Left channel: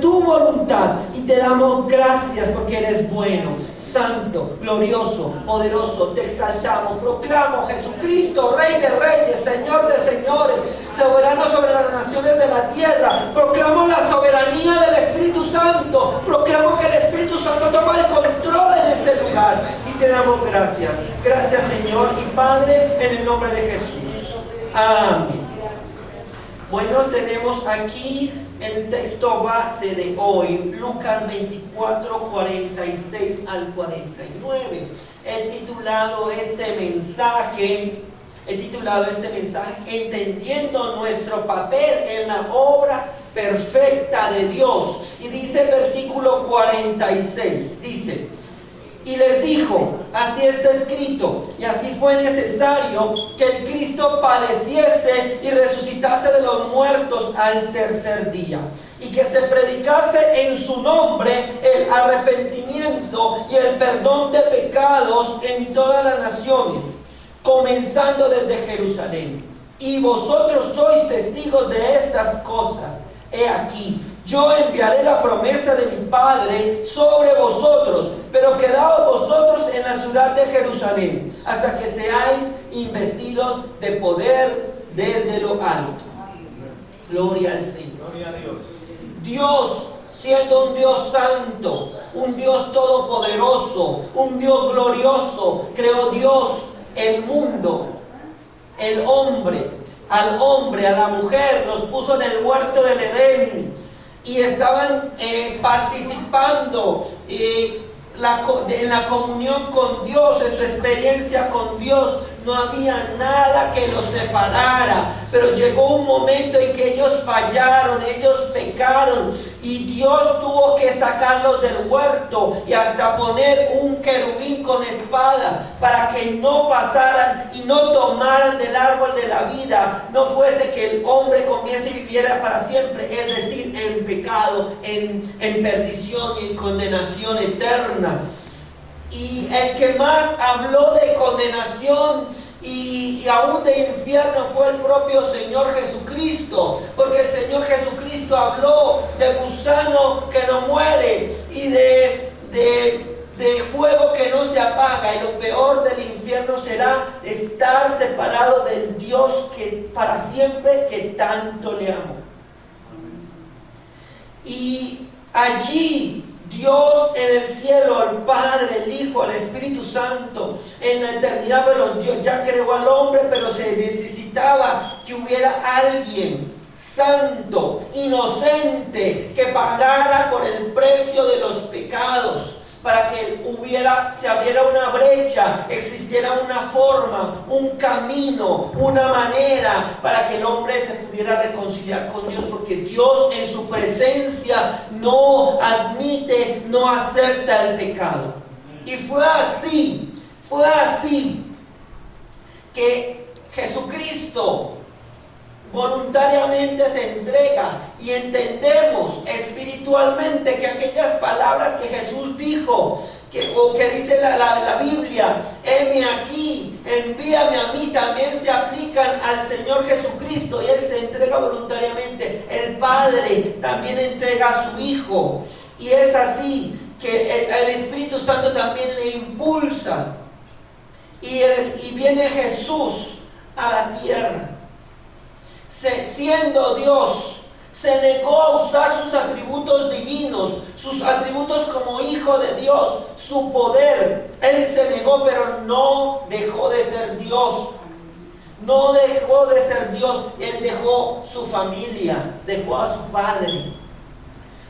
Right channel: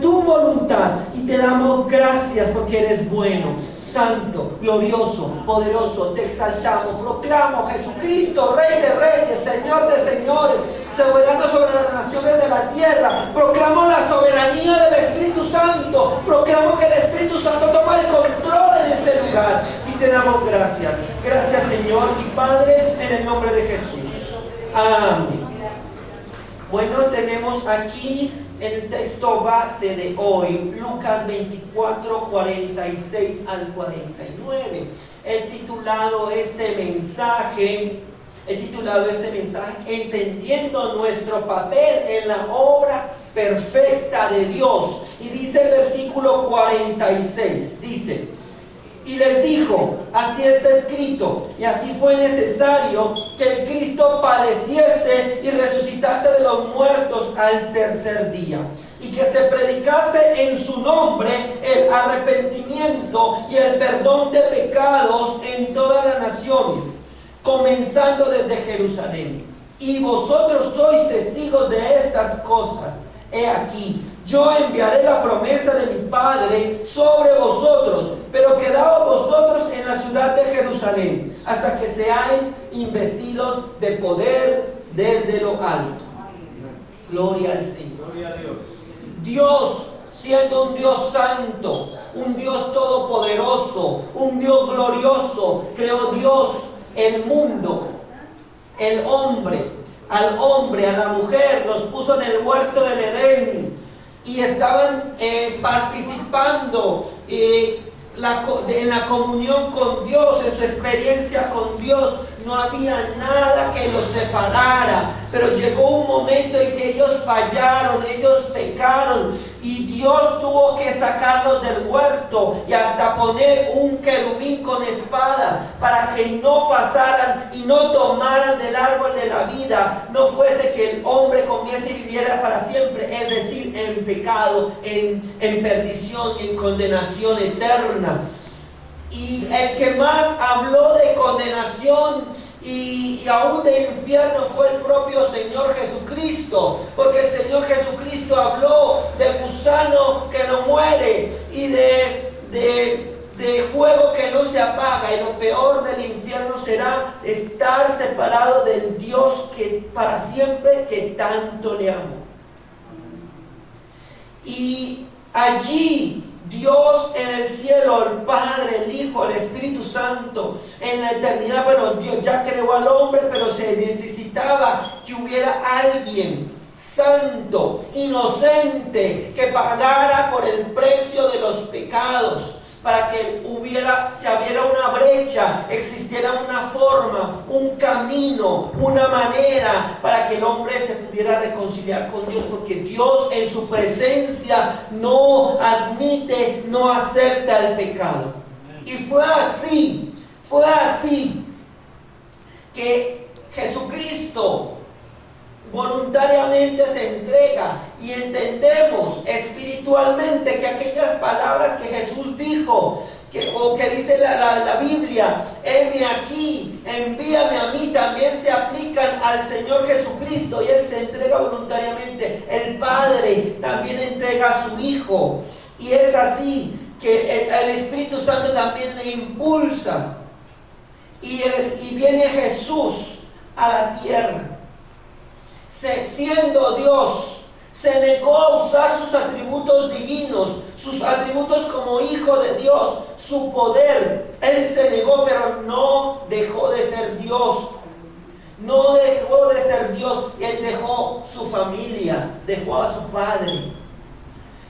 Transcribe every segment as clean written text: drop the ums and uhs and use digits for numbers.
tu voluntad. Y te damos gracias porque eres bueno, santo, glorioso, poderoso. Te exaltamos. Proclamo Jesucristo, Rey de reyes, Señor de señores, soberano sobre las naciones de la tierra. Proclamo la soberanía del Espíritu Santo. Proclamo que el Espíritu Santo toma el control en este lugar. Y te damos gracias. Gracias, Señor y Padre, en el nombre de Jesús. Amén. Bueno, tenemos aquí el texto base de hoy, Lucas 24, 46 al 49. He titulado este mensaje, entendiendo nuestro papel en la obra perfecta de Dios. Y dice el versículo 46, dice: y les dijo, así está escrito, y así fue necesario que el Cristo padeciese y resucitase de los muertos al tercer día, y que se predicase en su nombre el arrepentimiento y el perdón de pecados en todas las naciones, comenzando desde Jerusalén. Y vosotros sois testigos de estas cosas. He aquí, yo enviaré la promesa de mi Padre sobre vosotros, pero quedaos vosotros en la ciudad de Jerusalén, hasta que seáis investidos de poder desde lo alto. Gloria al Señor. Gloria a Dios. Dios, siendo un Dios santo, un Dios todopoderoso, un Dios glorioso, creó Dios el mundo, el hombre, al hombre, a la mujer, los puso en el huerto del Edén. Y estaban participando en la comunión con Dios, en su experiencia con Dios. No había nada que los separara, pero llegó un momento en que ellos fallaron, ellos pecaron, y Dios tuvo que sacarlos del huerto y hasta poner un querubín con espada para que no pasaran y no tomaran del árbol de la vida, no fuese que el hombre comiese y viviera para siempre, es decir, en pecado, en perdición y en condenación eterna. Y el que más habló de condenación y aún de infierno fue el propio Señor Jesucristo, porque el Señor Jesucristo habló del gusano que no muere y de fuego que no se apaga, y lo peor del infierno será estar separado del Dios que para siempre, que tanto le amó. Y allí Dios en el cielo, el Padre, el Hijo, el Espíritu Santo, en la eternidad, pero Dios ya creó al hombre, pero se necesitaba que hubiera alguien santo, inocente, que pagara por el precio de los pecados, para que se abriera una brecha, existiera una forma, un camino, una manera para que el hombre se pudiera reconciliar con Dios, porque Dios en su presencia no admite, no acepta el pecado. Y fue así que Jesucristo voluntariamente se entrega, y entendemos espiritualmente que aquellas palabras que Jesús dijo, o que dice la Biblia, heme aquí, envíame a mí, también se aplican al Señor Jesucristo, y Él se entrega voluntariamente. El Padre también entrega a su Hijo, y es así que el Espíritu Santo también le impulsa, y viene Jesús a la tierra. Siendo Dios, se negó a usar sus atributos divinos, sus atributos como hijo de Dios, su poder. Él se negó, pero no dejó de ser Dios. No dejó de ser Dios. Él dejó su familia, dejó a su padre,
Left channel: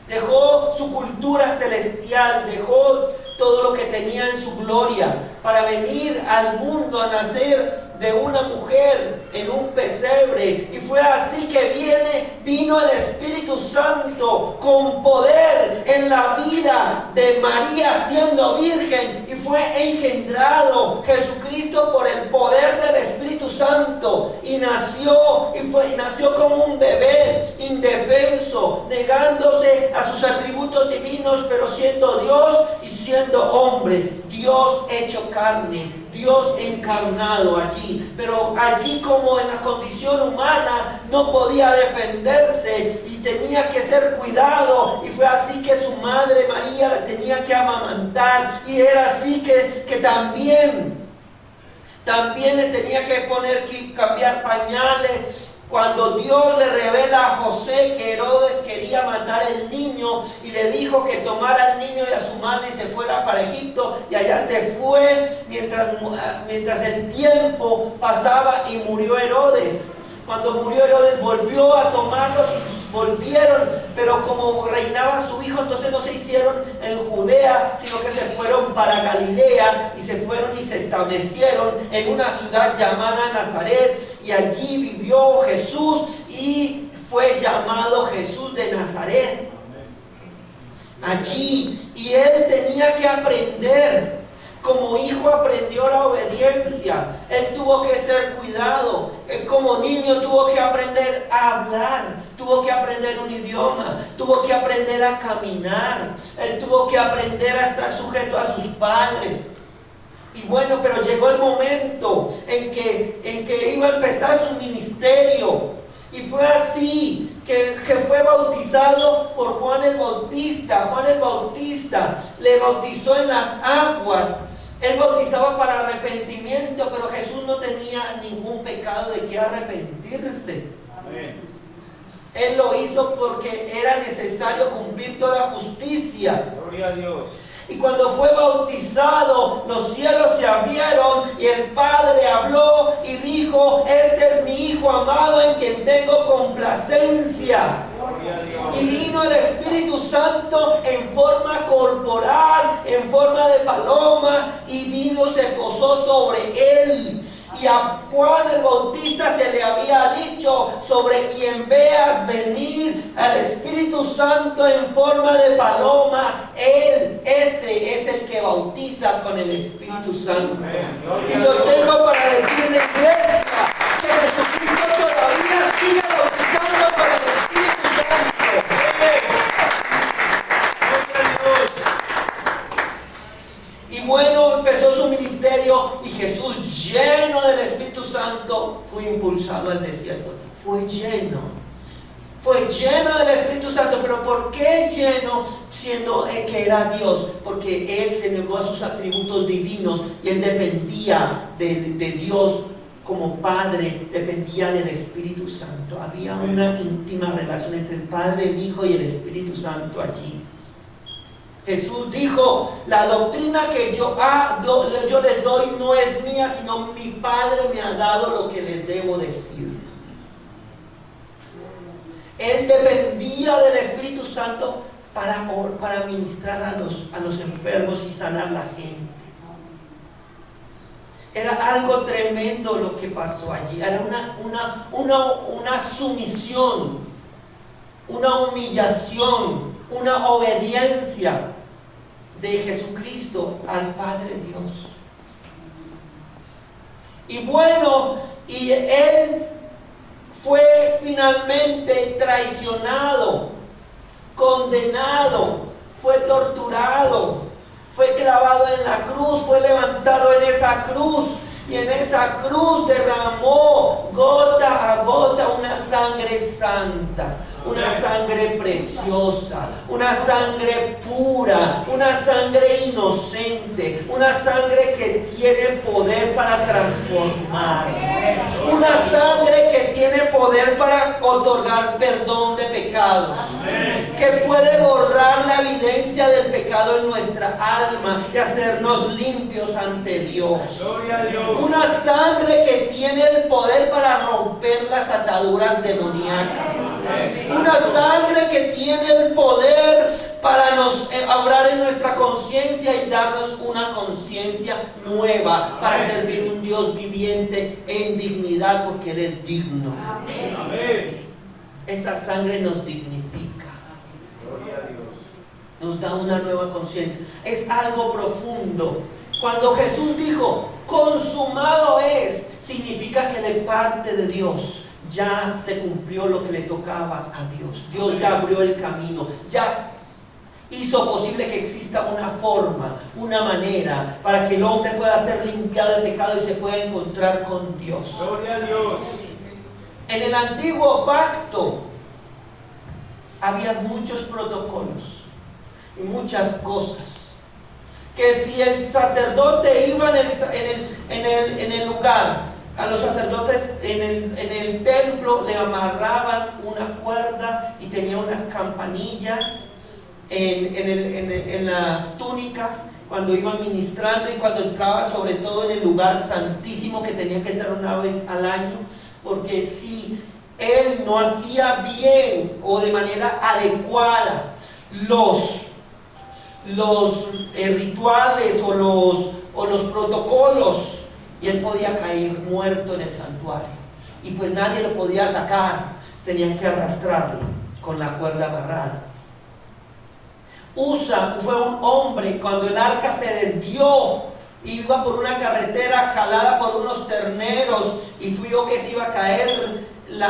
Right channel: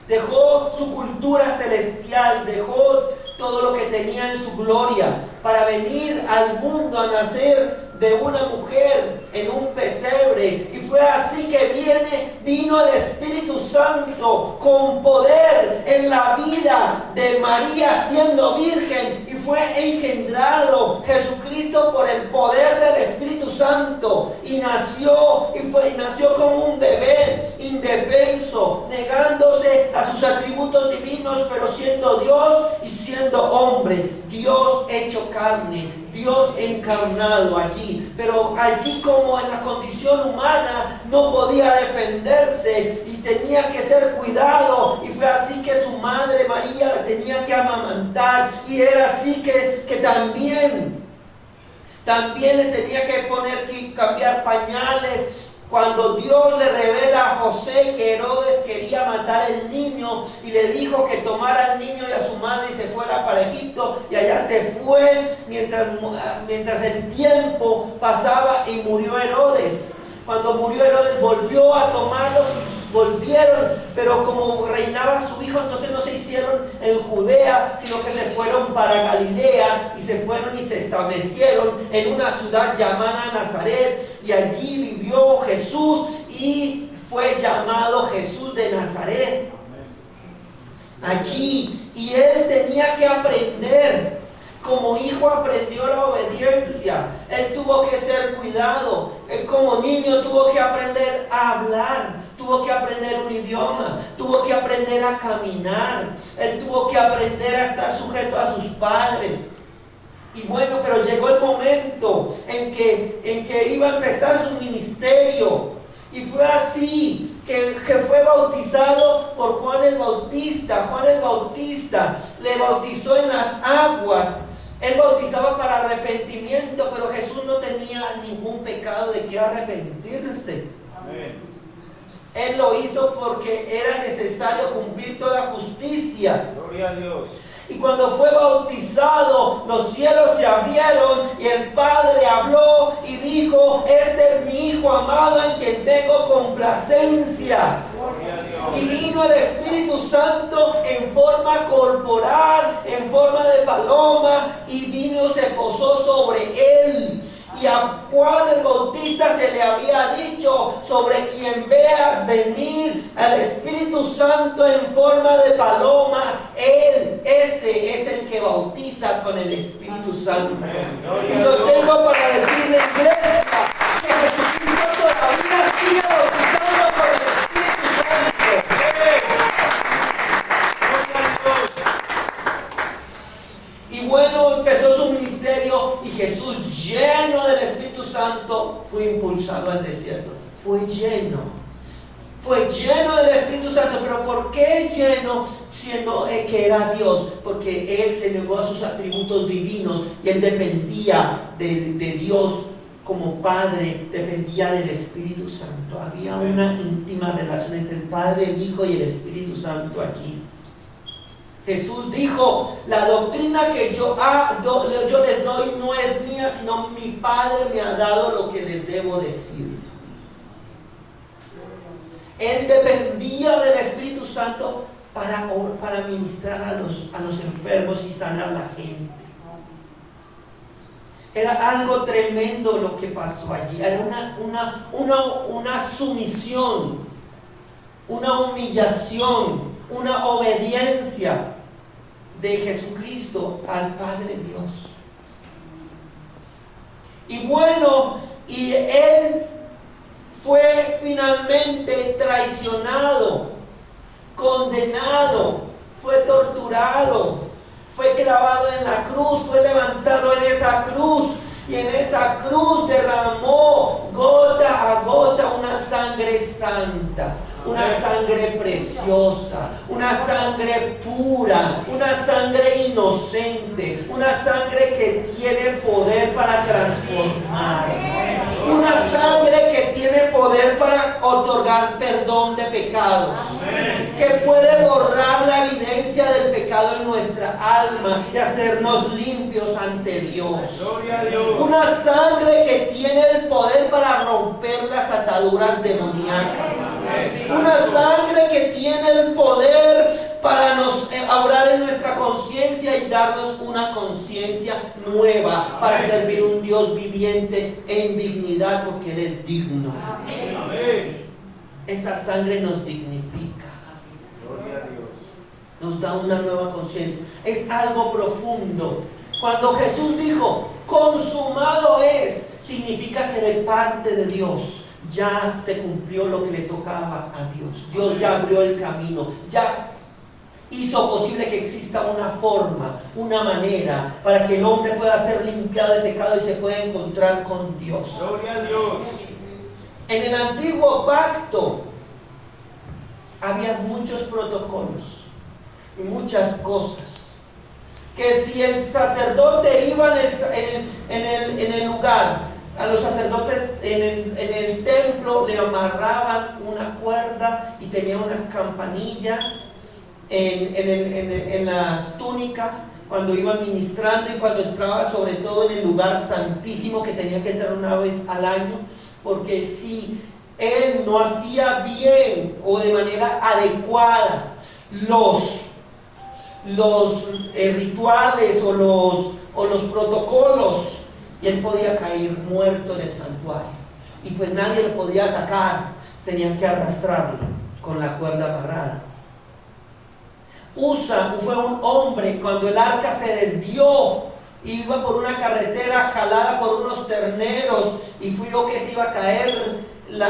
dejó su cultura celestial, dejó todo lo que tenía en su gloria para venir al mundo a nacer de una mujer en un pesebre. Y fue así que vino el Espíritu Santo con poder en la vida de María siendo virgen, y fue engendrado Jesucristo por el poder del Espíritu Santo, y nació como un bebé indefenso, negándose a sus atributos divinos, pero siendo Dios y siendo hombre, Dios hecho carne, Dios encarnado allí, pero allí como en la condición humana no podía defenderse y tenía que ser cuidado, y fue así que su madre María tenía que amamantar, y era así que también le tenía que cambiar pañales. Cuando Dios le revela a José que Herodes quería matar al niño y le dijo que tomara al niño y a su madre y se fuera para Egipto, y allá se fue mientras el tiempo pasaba y murió Herodes. Cuando murió Herodes volvió a tomarlos y volvieron, pero como reinaba su hijo, entonces no se hicieron en Judea, sino que se fueron para Galilea y se fueron y se establecieron en una ciudad llamada Nazaret, y allí vivió Jesús y fue llamado Jesús de Nazaret. Allí, y él tenía que aprender. Como hijo aprendió la obediencia, él tuvo que ser cuidado, él como niño tuvo que aprender a hablar, tuvo que aprender un idioma, tuvo que aprender a caminar, él tuvo que aprender a estar sujeto a sus padres. Y bueno, pero llegó el momento en que iba a empezar su ministerio, y fue así que fue bautizado por Juan el Bautista. Juan el Bautista le bautizó en las aguas. Él bautizaba para arrepentimiento, pero Jesús no tenía ningún pecado de que arrepentirse. Amén. Él lo hizo porque era necesario cumplir toda justicia. Gloria a Dios. Y cuando fue bautizado, los cielos se abrieron y el Padre habló y dijo: este es mi Hijo amado en quien tengo complacencia. Y vino el Espíritu Santo en forma corporal, en forma de paloma, y vino, se posó sobre él. Y a Juan el Bautista se le había dicho: sobre quien veas venir al Espíritu Santo en forma de paloma, ese es el que bautiza con el Espíritu Santo. Y yo tengo para decirle, iglesia, que Jesucristo todavía sigue bautizando con el Espíritu Santo. Y bueno, empezó su ministerio y Jesús, lleno del Espíritu Santo, fue impulsado al desierto. Fue lleno del Espíritu Santo. Pero ¿por qué lleno? Siendo que era Dios, porque Él se negó a sus atributos divinos y Él dependía de Dios como Padre, dependía del Espíritu Santo. Había una íntima relación entre el Padre, el Hijo y el Espíritu Santo allí. Jesús dijo: la doctrina que yo les doy no es mía, sino mi Padre me ha dado lo que les debo decir. Él dependía del Espíritu Santo para ministrar a los enfermos y sanar a la gente. Era algo tremendo lo que pasó allí. Era una sumisión, una humillación, una obediencia de Jesucristo al Padre Dios. Y bueno, y Él fue finalmente traicionado, condenado, fue torturado, fue clavado en la cruz, fue levantado en esa cruz, y en esa cruz derramó gota a gota una sangre santa, una sangre preciosa, una sangre pura, una sangre inocente, una sangre que tiene poder para transformar, una sangre que tiene poder para otorgar perdón de pecados, que puede borrar la evidencia del pecado en nuestra alma y hacernos limpios ante Dios. Una sangre que tiene el poder para romper las ataduras demoníacas. Una sangre que tiene el poder para obrar en nuestra conciencia y darnos una conciencia nueva para servir un Dios viviente en dignidad, porque Él es digno. Amén. Esa sangre nos dignifica. Gloria a Dios. Nos da una nueva conciencia. Es algo profundo. Cuando Jesús dijo: consumado es, significa que de parte de Dios ya se cumplió lo que le tocaba a Dios. Dios ya abrió el camino, ya hizo hizo posible que exista una forma, una manera para que el hombre pueda ser limpiado de pecado y se pueda encontrar con Dios. Gloria a Dios. En el antiguo pacto había muchos protocolos y muchas cosas. Que si el sacerdote iba en el lugar, a los sacerdotes en el templo le amarraban una cuerda y tenía unas campanillas en las túnicas cuando iba ministrando, y cuando entraba, sobre todo en el lugar santísimo, que tenía que entrar una vez al año, porque si él no hacía bien o de manera adecuada los rituales o los protocolos, y él podía caer muerto en el santuario, y pues nadie lo podía sacar, tenían que arrastrarlo con la cuerda amarrada. Usa fue un hombre, cuando el arca se desvió, iba por una carretera jalada por unos terneros, y vio que se iba a caer el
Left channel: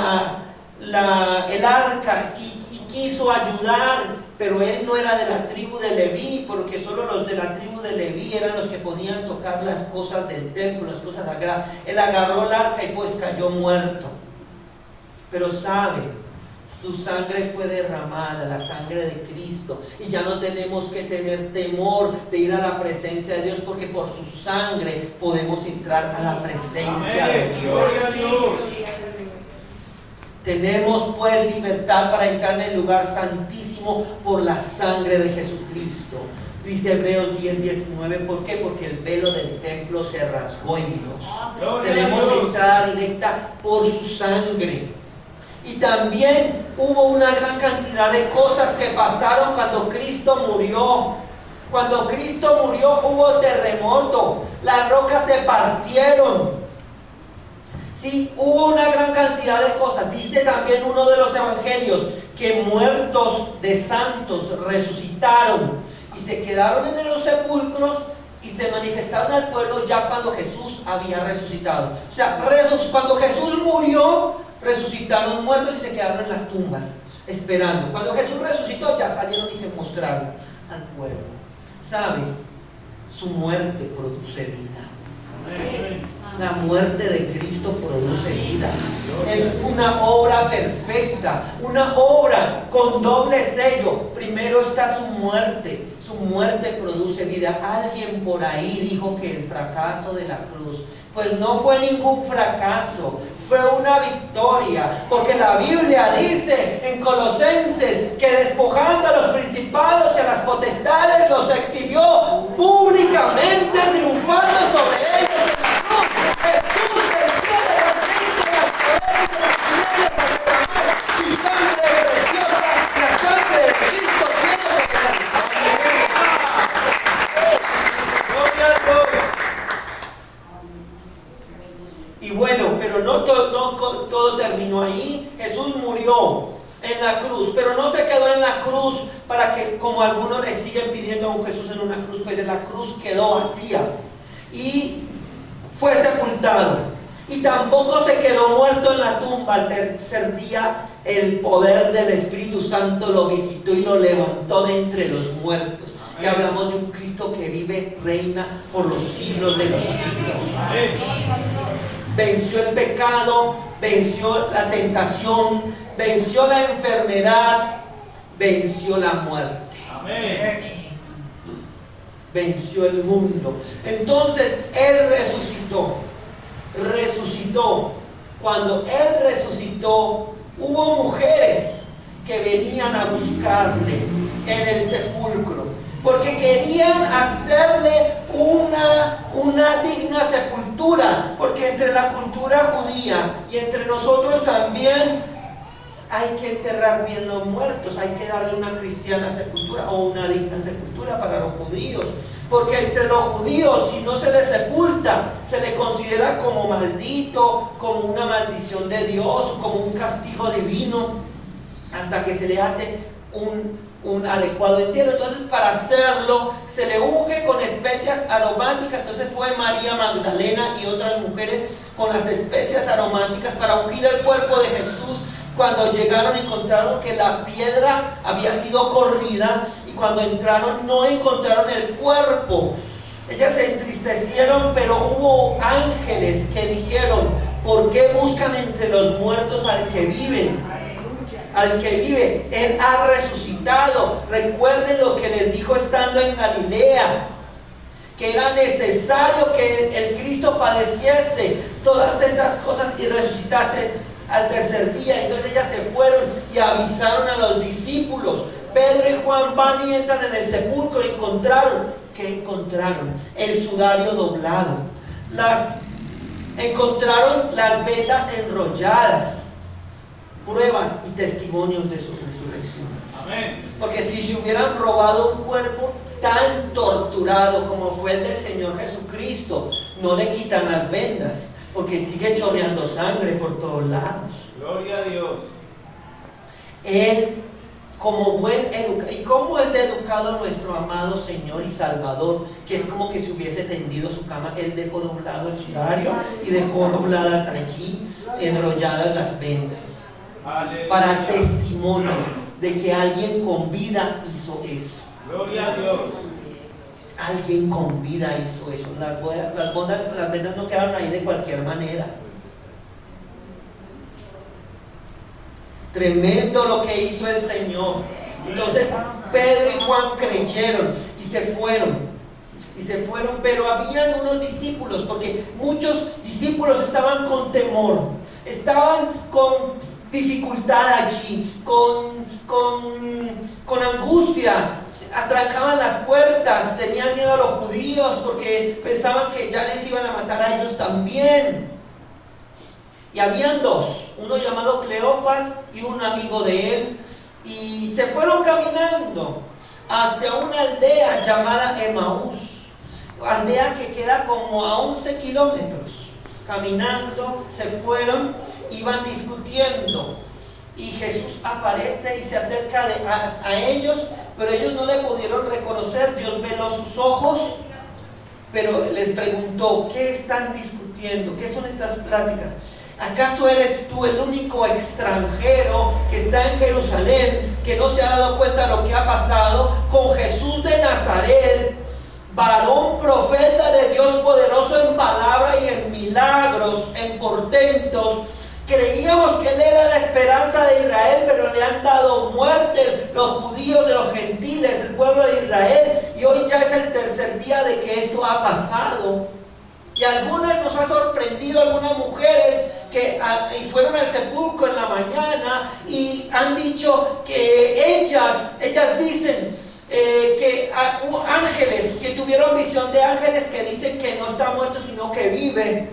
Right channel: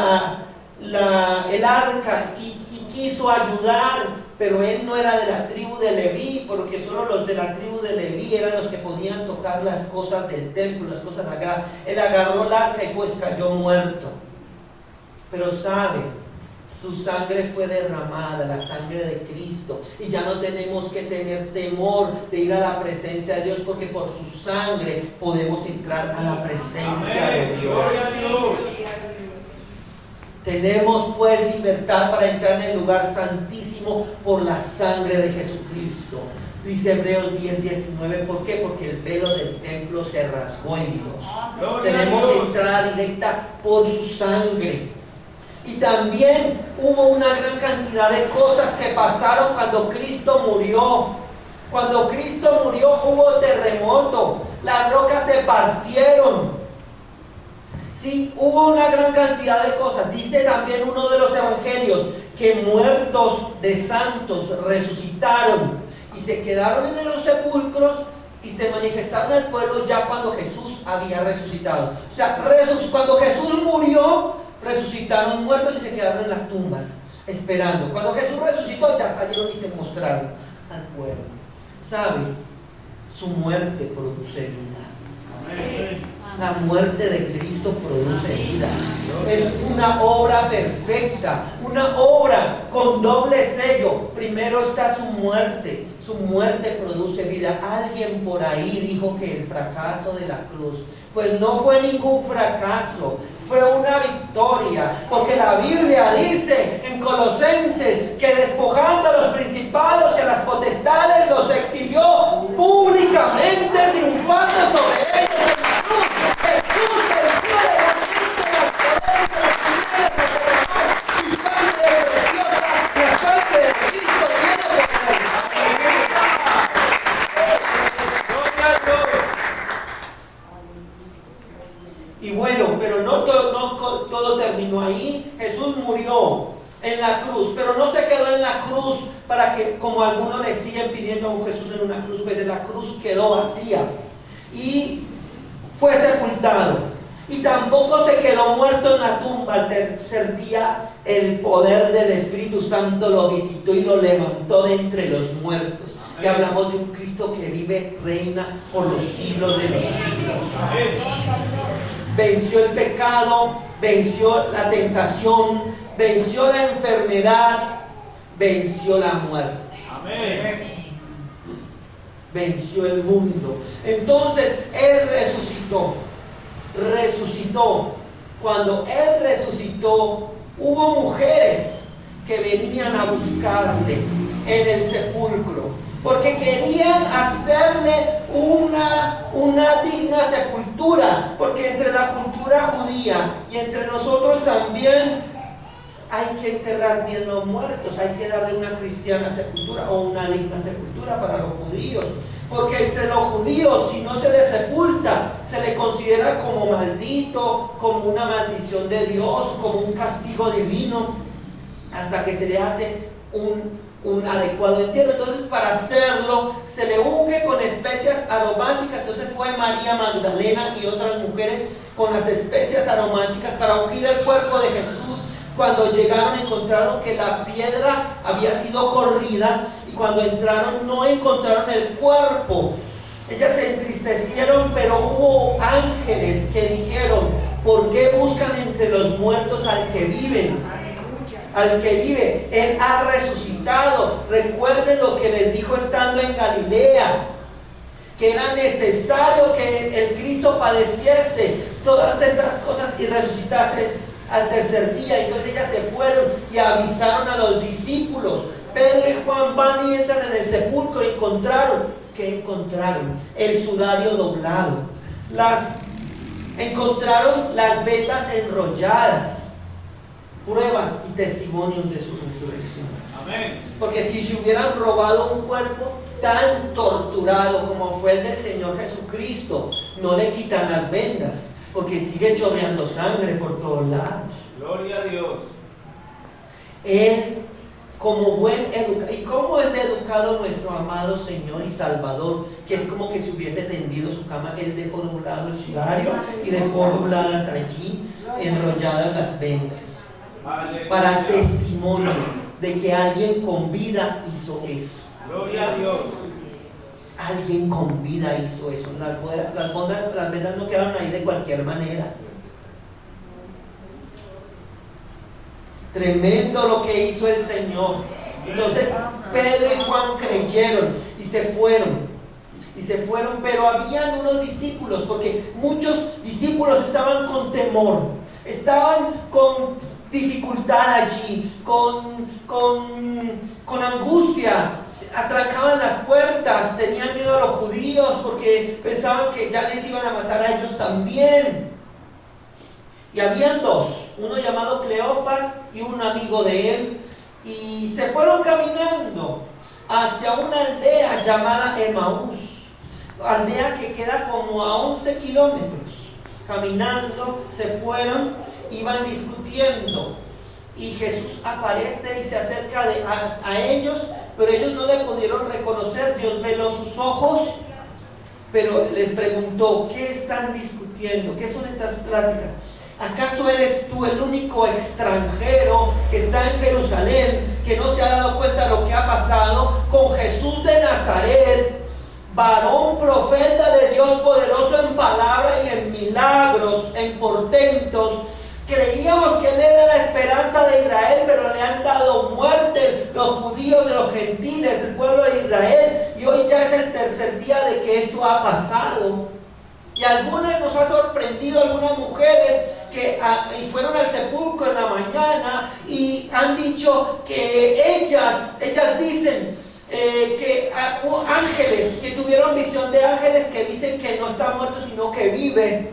arca, y quiso ayudar, pero él no era de la tribu de Leví, porque solo los de la tribu de Leví eran los que podían tocar las cosas del templo, las cosas sagradas. Él agarró el arca y pues cayó muerto. Pero sabe, su sangre fue derramada, la sangre de Cristo, y ya no tenemos que tener temor de ir a la presencia de Dios, porque por su sangre podemos entrar a la presencia de Dios. Gloria a Dios. Tenemos pues libertad para entrar en el lugar santísimo por la sangre de Jesucristo. Dice Hebreos 10:19, ¿por qué? Porque el velo del templo se rasgó en Dios. Tenemos entrada directa por su sangre. Y también hubo una gran cantidad de cosas que pasaron cuando Cristo murió. Cuando Cristo murió hubo terremoto, las rocas se partieron. Sí, hubo una gran cantidad de cosas. Dice también uno de los evangelios que muertos de santos resucitaron y se quedaron en los sepulcros y se manifestaron al pueblo ya cuando Jesús había resucitado. O sea, cuando Jesús murió, resucitaron muertos y se quedaron en las tumbas esperando. Cuando Jesús resucitó, ya salieron y se mostraron al pueblo. ¿Sabe? Su muerte produce vida. Amén. La muerte de Cristo produce vida. Es una obra perfecta, una obra con doble sello. Primero está su muerte produce vida. Alguien por ahí dijo que el fracaso de la cruz, pues no fue ningún fracaso, fue una victoria, porque la Biblia dice en Colosenses que despojando a los principados y a las potestades los exhibió públicamente, triunfando sobre ellos. Y bueno, pero no todo terminó ahí. Jesús murió en la cruz, pero no se quedó en la cruz para que, como algunos le siguen pidiendo a un Jesús en una cruz, pero la cruz quedó vacía y fue sepultado. Y tampoco se quedó muerto en la tumba. Al tercer día el poder del Espíritu Santo lo visitó y lo levantó de entre los muertos. Y hablamos de un Cristo que vive, reina por los siglos de los siglos. Venció el pecado, venció la tentación, venció la enfermedad, venció la muerte. Amén. Venció el mundo. Entonces Él resucitó. Cuando Él resucitó, hubo mujeres que venían a buscarle en el sepulcro, porque querían hacerle una digna sepultura, porque entre la cultura judía y entre nosotros también hay que enterrar bien los muertos, hay que darle una cristiana sepultura o una digna sepultura para los judíos, porque entre los judíos, si no se le sepulta, se le considera como maldito, como una maldición de Dios, como un castigo divino, hasta que se le hace un adecuado entierro. Entonces, para hacerlo se le unge con especias aromáticas. Entonces fue María Magdalena y otras mujeres con las especias aromáticas para ungir el cuerpo de Jesús Cuando llegaron encontraron que la piedra había sido corrida y cuando entraron no encontraron el cuerpo. Ellas se entristecieron, pero hubo ángeles que dijeron: ¿por qué buscan entre los muertos al que vive? Al que vive, Él ha resucitado. Recuerden lo que les dijo estando en Galilea, que era necesario que el Cristo padeciese todas estas cosas y resucitase al tercer día. Entonces ellas se fueron y avisaron a los discípulos. Pedro y Juan van y entran en el sepulcro y encontraron. ¿Qué encontraron? El sudario doblado. Encontraron las vetas enrolladas. Pruebas y testimonios de su resurrección. Amén. Porque si se hubieran robado un cuerpo tan torturado como fue el del Señor Jesucristo, no le quitan las vendas, porque sigue chorreando sangre por todos lados. Gloria a Dios. Él, como buen educado, ¿y cómo es de educado nuestro amado Señor y Salvador? Que es como que si hubiese tendido su cama. Él dejó doblado el sudario y dejó dobladas allí, enrolladas las vendas, Aleluya. para testimonio de que alguien con vida hizo eso. Gloria a Dios. Alguien con vida hizo eso. Las vendas no quedaron ahí de cualquier manera. Tremendo lo que hizo el Señor. Entonces Pedro y Juan creyeron y se fueron. Pero habían unos discípulos, porque muchos discípulos estaban con temor, estaban con dificultad allí, con angustia, atrancaban las puertas, tenían miedo a los judíos porque pensaban que ya les iban a matar a ellos también. Y habían dos, uno llamado Cleofas y un amigo de él, y se fueron caminando hacia una aldea llamada Emaús, aldea que queda como a 11 kilómetros. Caminando se fueron, iban discutiendo, y Jesús aparece y se acerca a ellos, pero ellos no le pudieron reconocer. Dios veló sus ojos, pero les preguntó: ¿qué están discutiendo? ¿Qué son estas pláticas? ¿Acaso eres tú el único extranjero que está en Jerusalén, que no se ha dado cuenta de lo que ha pasado con Jesús de Nazaret, varón profeta de Dios, poderoso en palabra y en milagros, en portentos? Creíamos que Él era la esperanza de Israel, pero le han dado muerte los judíos de los gentiles, el pueblo de Israel, y hoy ya es el tercer día de que esto ha pasado. Y algunas nos ha sorprendido, algunas mujeres que fueron al sepulcro en la mañana y han dicho que ellas dicen que ángeles, que tuvieron visión de ángeles que dicen que no está muerto sino que vive.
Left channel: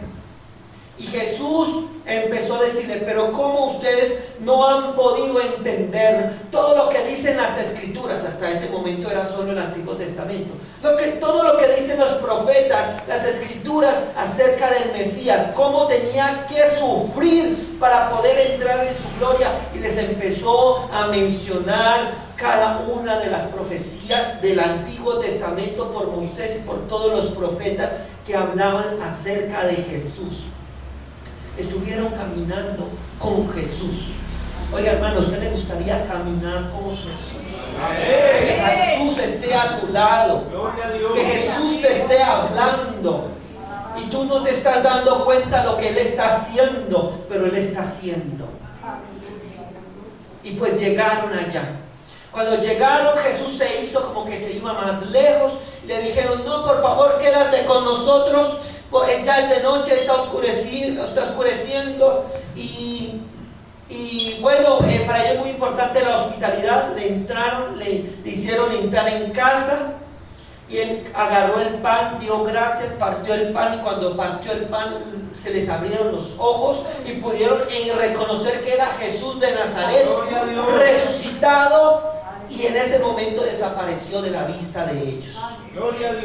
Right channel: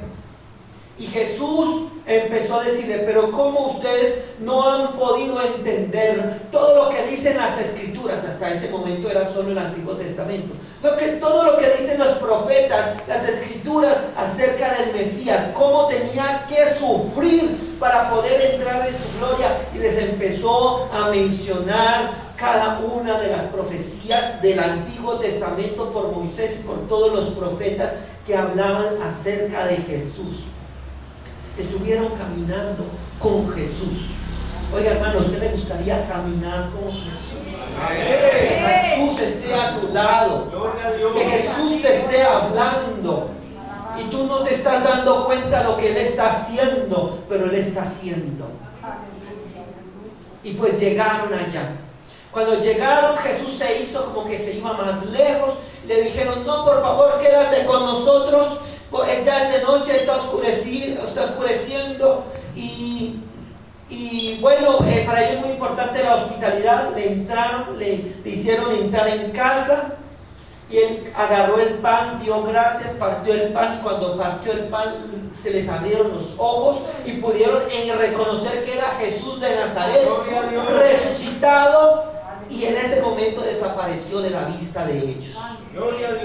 Y Jesús empezó a decirle: pero ¿cómo ustedes no han podido entender todo lo que dicen las Escrituras? Hasta ese momento era solo el Antiguo Testamento. Todo lo que dicen los profetas, las Escrituras acerca del Mesías, cómo tenía que sufrir para poder entrar en su gloria. Y les empezó a mencionar cada una de las profecías del Antiguo Testamento por Moisés y por todos los profetas que hablaban acerca de Jesús. Estuvieron caminando con Jesús. Oiga, hermano, ¿a usted le gustaría caminar con Jesús? Que Jesús esté a tu lado, que Jesús te esté hablando y tú no te estás dando cuenta de lo que Él está haciendo, pero Él está haciendo. Y pues llegaron allá. Cuando llegaron, Jesús se hizo como que se iba más lejos. Le dijeron: no, por favor, quédate con nosotros, pues ya es de noche, está oscureciendo. Y bueno, para ellos es muy importante la hospitalidad. Le entraron, le hicieron entrar en casa, y Él agarró el pan, dio gracias, partió el pan, y cuando partió el pan se les abrieron los ojos y pudieron reconocer que era Jesús de Nazaret, resucitado, y en ese momento desapareció de la vista de ellos.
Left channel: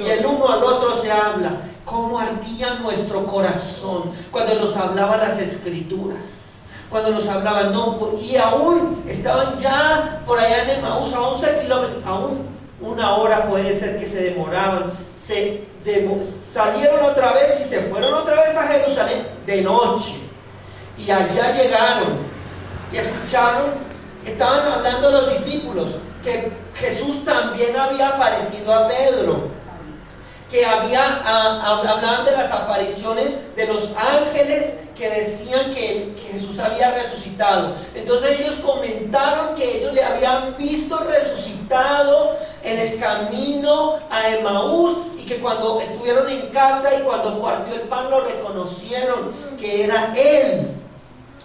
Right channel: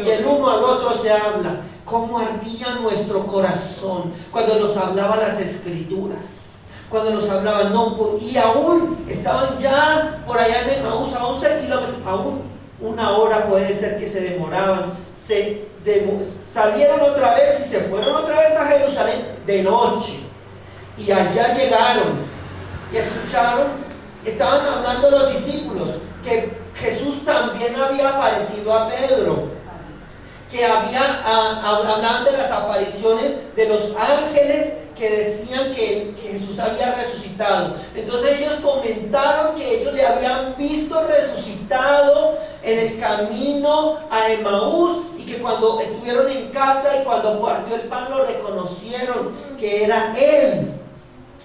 Y el uno al otro se habla. Cómo ardía nuestro corazón cuando nos hablaban las Escrituras, cuando nos hablaban, y aún estaban ya por allá en Emaús, a 11 kilómetros, aún una hora puede ser que se demoraban. Salieron otra vez y se fueron otra vez a Jerusalén de noche, y allá llegaron. y escucharon, estaban hablando los discípulos que Jesús también había aparecido a Pedro, que hablaban de las apariciones de los ángeles que decían que Jesús había resucitado. Entonces ellos comentaron que ellos le habían visto resucitado en el camino a Emaús, y que cuando estuvieron en casa y cuando partió el pan lo reconocieron que era Él.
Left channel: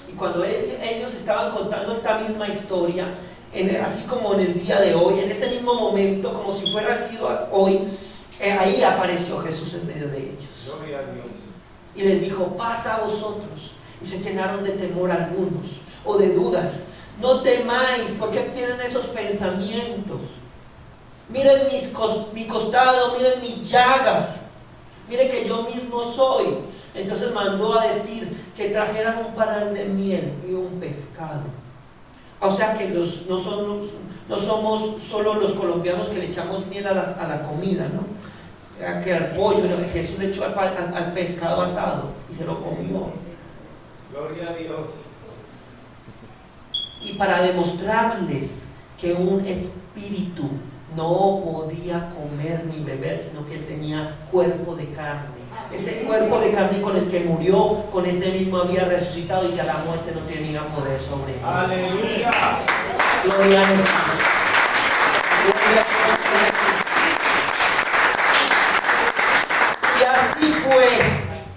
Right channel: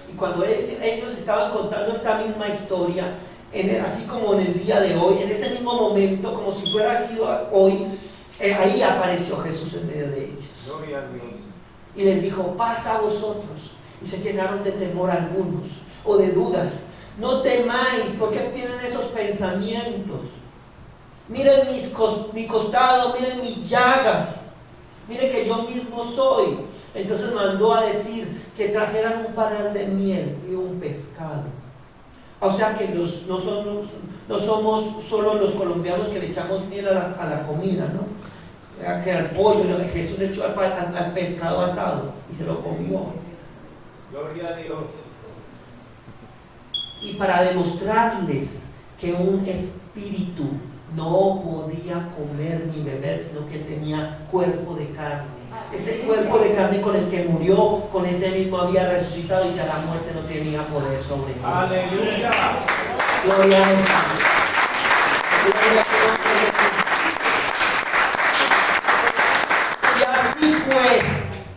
Y cuando ellos estaban contando esta misma historia, así como en el día de hoy, en ese mismo momento, como si fuera sido hoy, ahí apareció Jesús en medio de ellos. Gloria a Dios. Y les dijo: paz a vosotros. Y se llenaron de temor algunos, o de dudas. No temáis, porque tienen esos pensamientos. Miren mi costado, miren mis llagas, miren que yo mismo soy. Entonces mandó a decir que trajeran un panal de miel y un pescado. O sea que no somos solo los colombianos que le echamos miel a la comida, ¿no? Que al pollo, ¿no? Jesús le echó al pescado asado y se lo comió. Gloria a Dios. Y para demostrarles que un espíritu no podía comer ni beber, sino que tenía cuerpo de carne. Ese cuerpo de carne con el que murió, con ese mismo había resucitado, y ya la muerte no tenía poder sobre él. Aleluya. Gloria a Dios. Gloria a Dios. Y así fue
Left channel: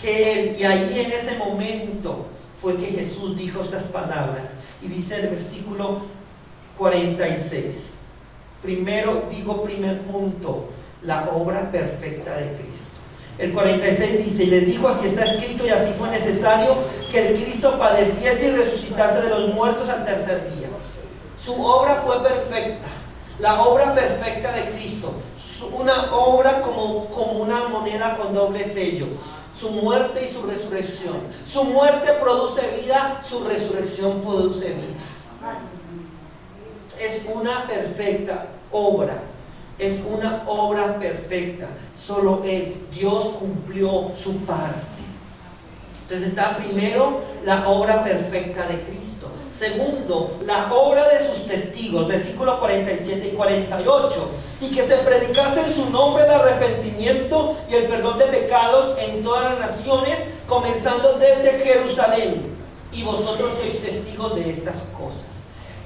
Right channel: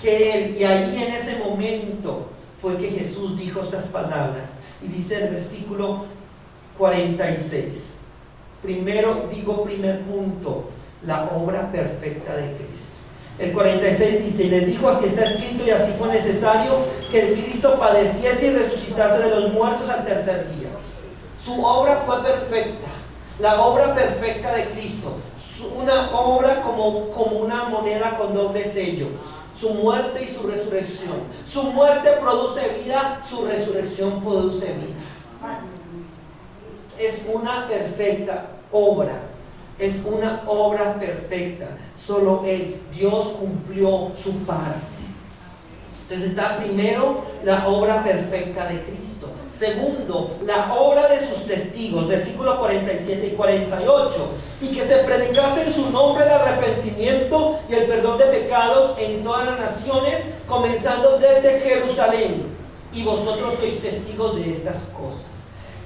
que él, y ahí en ese momento fue que Jesús dijo estas palabras. Y dice el versículo 46. Primer punto, la obra perfecta de Cristo. El 46 dice: y les dijo: así está escrito y así fue necesario que el Cristo padeciese y resucitase de los muertos al tercer día. Su obra fue perfecta, la obra perfecta de Cristo, una obra como una moneda con doble sello. Su muerte y su resurrección. Su muerte produce vida, su resurrección produce vida. Es una perfecta obra. Es una obra perfecta. Solo Él, Dios, cumplió su parte. Entonces está primero la obra perfecta de Cristo. Segundo, la obra de sus testigos, versículos 47 y 48. Y que se predicase en su nombre el arrepentimiento y el perdón de pecados en todas las naciones, comenzando desde Jerusalén. Y vosotros sois testigos de estas cosas.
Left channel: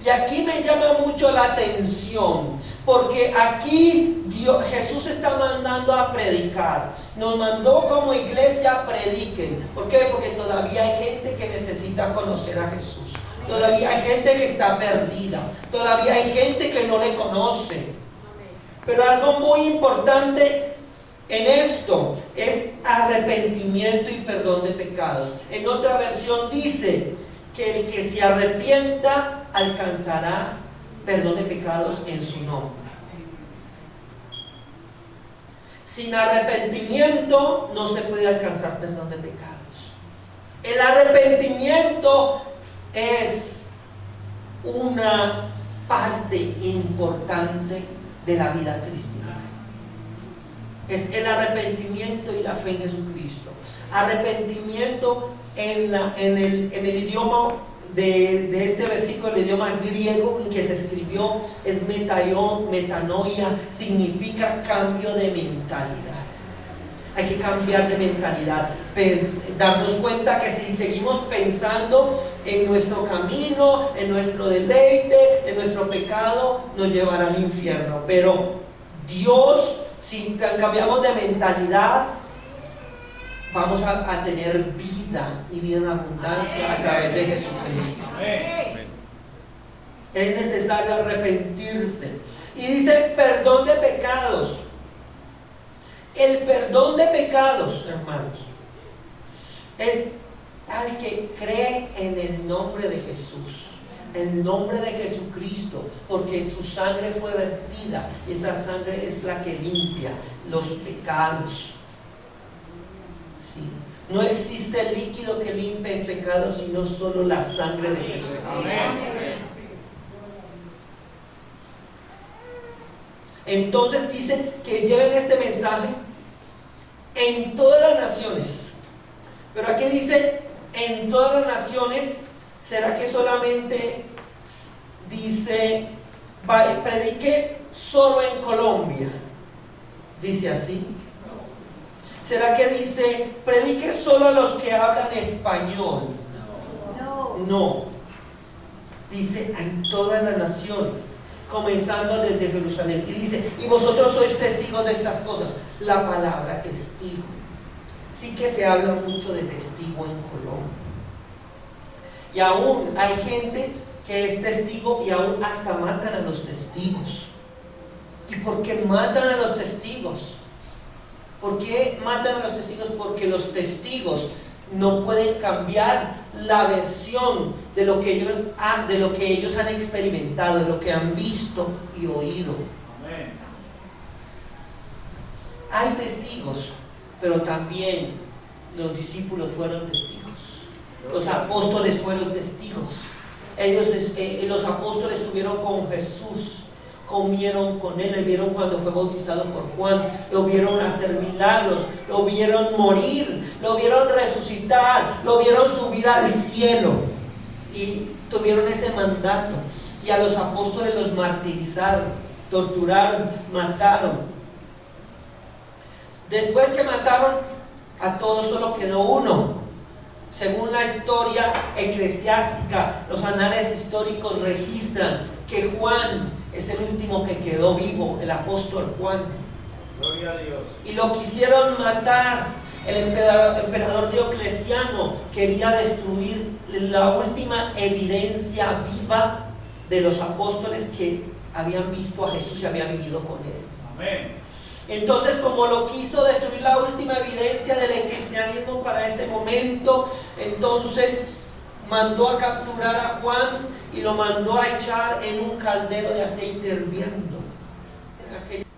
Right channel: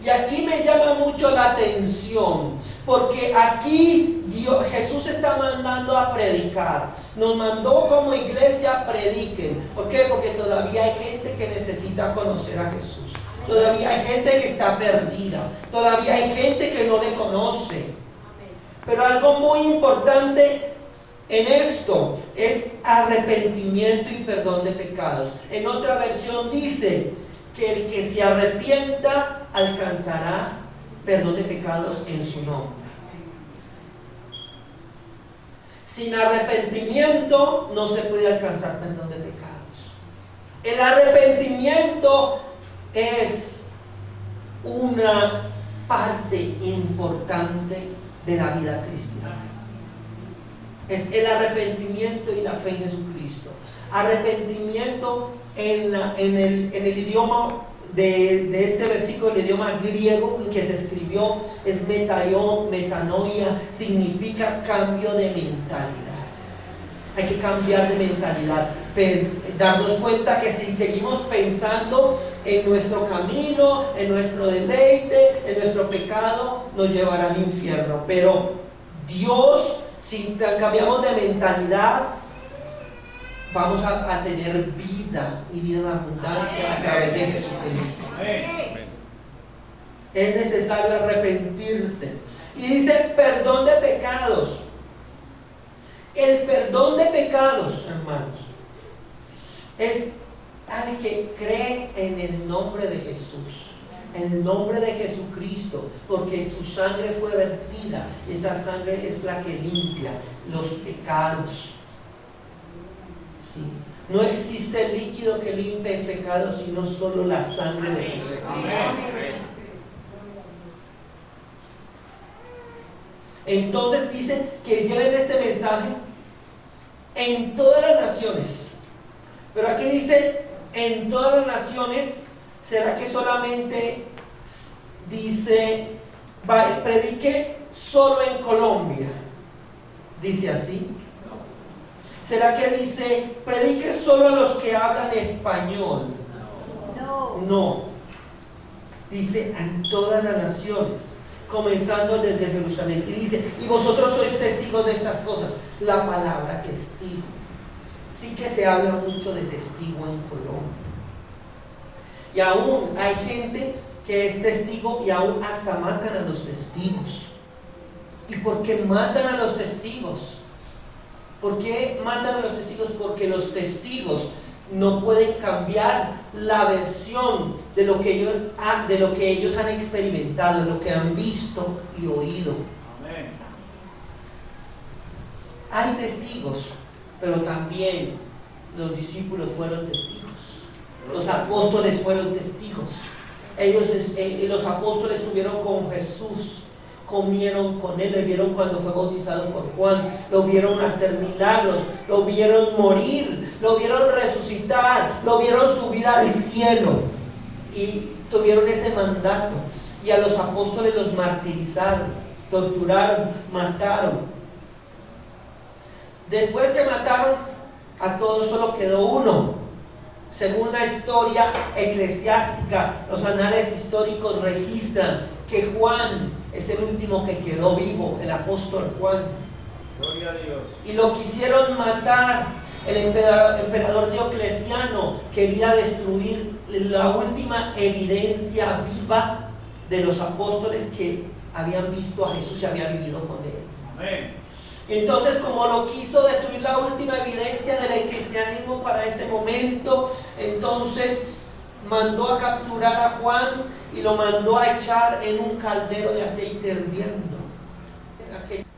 Y aquí me llama mucho la atención, porque aquí Jesús está mandando a predicar. Nos mandó como iglesia a prediquen. ¿Por qué? Porque todavía hay gente que necesita conocer a Jesús. Todavía hay gente que está perdida. Todavía hay gente que no le conoce. Pero algo muy importante en esto es arrepentimiento y perdón de pecados. En otra versión dice que el que se arrepienta alcanzará perdón de pecados en su nombre. Sin arrepentimiento no se puede alcanzar perdón de pecados. El arrepentimiento es una parte importante de la vida cristiana. Es el arrepentimiento y la fe en Jesucristo. Arrepentimiento en el idioma de este versículo, el idioma griego que se escribió es metanoia, significa cambio de mentalidad. Hay que cambiar de mentalidad, darnos cuenta que si seguimos pensando en nuestro camino, en nuestro deleite, en nuestro pecado, nos llevará al infierno. Pero Dios, si cambiamos de mentalidad, vamos a tener vida y vida en abundancia a través de Jesucristo. Es necesario arrepentirse. Y dice perdón de pecados. El perdón de pecados, hermanos, es al que cree en el nombre de Jesús, el nombre de Jesucristo, porque su sangre fue vertida. Esa sangre es la que limpia los pecados. ¿Sí? No existe líquido que limpie el pecado, sino solo la sangre de Jesucristo. Entonces dice que lleven este mensaje en todas las naciones. Pero aquí dice en todas las naciones, ¿Será que solamente dice, predique solo en Colombia? ¿Dice así? ¿Será que dice, predique solo a los que hablan español? No. Dice, en todas las naciones, comenzando desde Jerusalén. Y dice, y vosotros sois testigos de estas cosas. La palabra testigo. Sí que se habla mucho de testigo en Colombia. Y aún hay gente que es testigo y aún hasta matan a los testigos. ¿Y por qué matan a los testigos? ¿Por qué matan a los testigos? Porque los testigos no pueden cambiar la versión de lo que ellos han experimentado, de lo que han visto y oído. Amén. Hay testigos, pero también los discípulos fueron testigos. Los apóstoles fueron testigos. Los apóstoles estuvieron con Jesús, comieron con él, le vieron cuando fue bautizado por Juan, lo vieron hacer milagros, lo vieron morir, lo vieron resucitar, lo vieron subir al cielo y tuvieron ese mandato. Y a los apóstoles los martirizaron, torturaron, mataron. Después que mataron a todos, solo quedó uno. Según la historia eclesiástica, los anales históricos registran que Juan es el último que quedó vivo, el apóstol Juan. Gloria a Dios. Y lo quisieron matar. El emperador Diocleciano quería destruir la última evidencia viva de los apóstoles que habían visto a Jesús y habían vivido con él. Amén. Entonces, como lo quiso destruir la última evidencia del cristianismo para ese momento, entonces mandó a capturar a Juan y lo mandó a echar en un caldero de aceite hirviendo.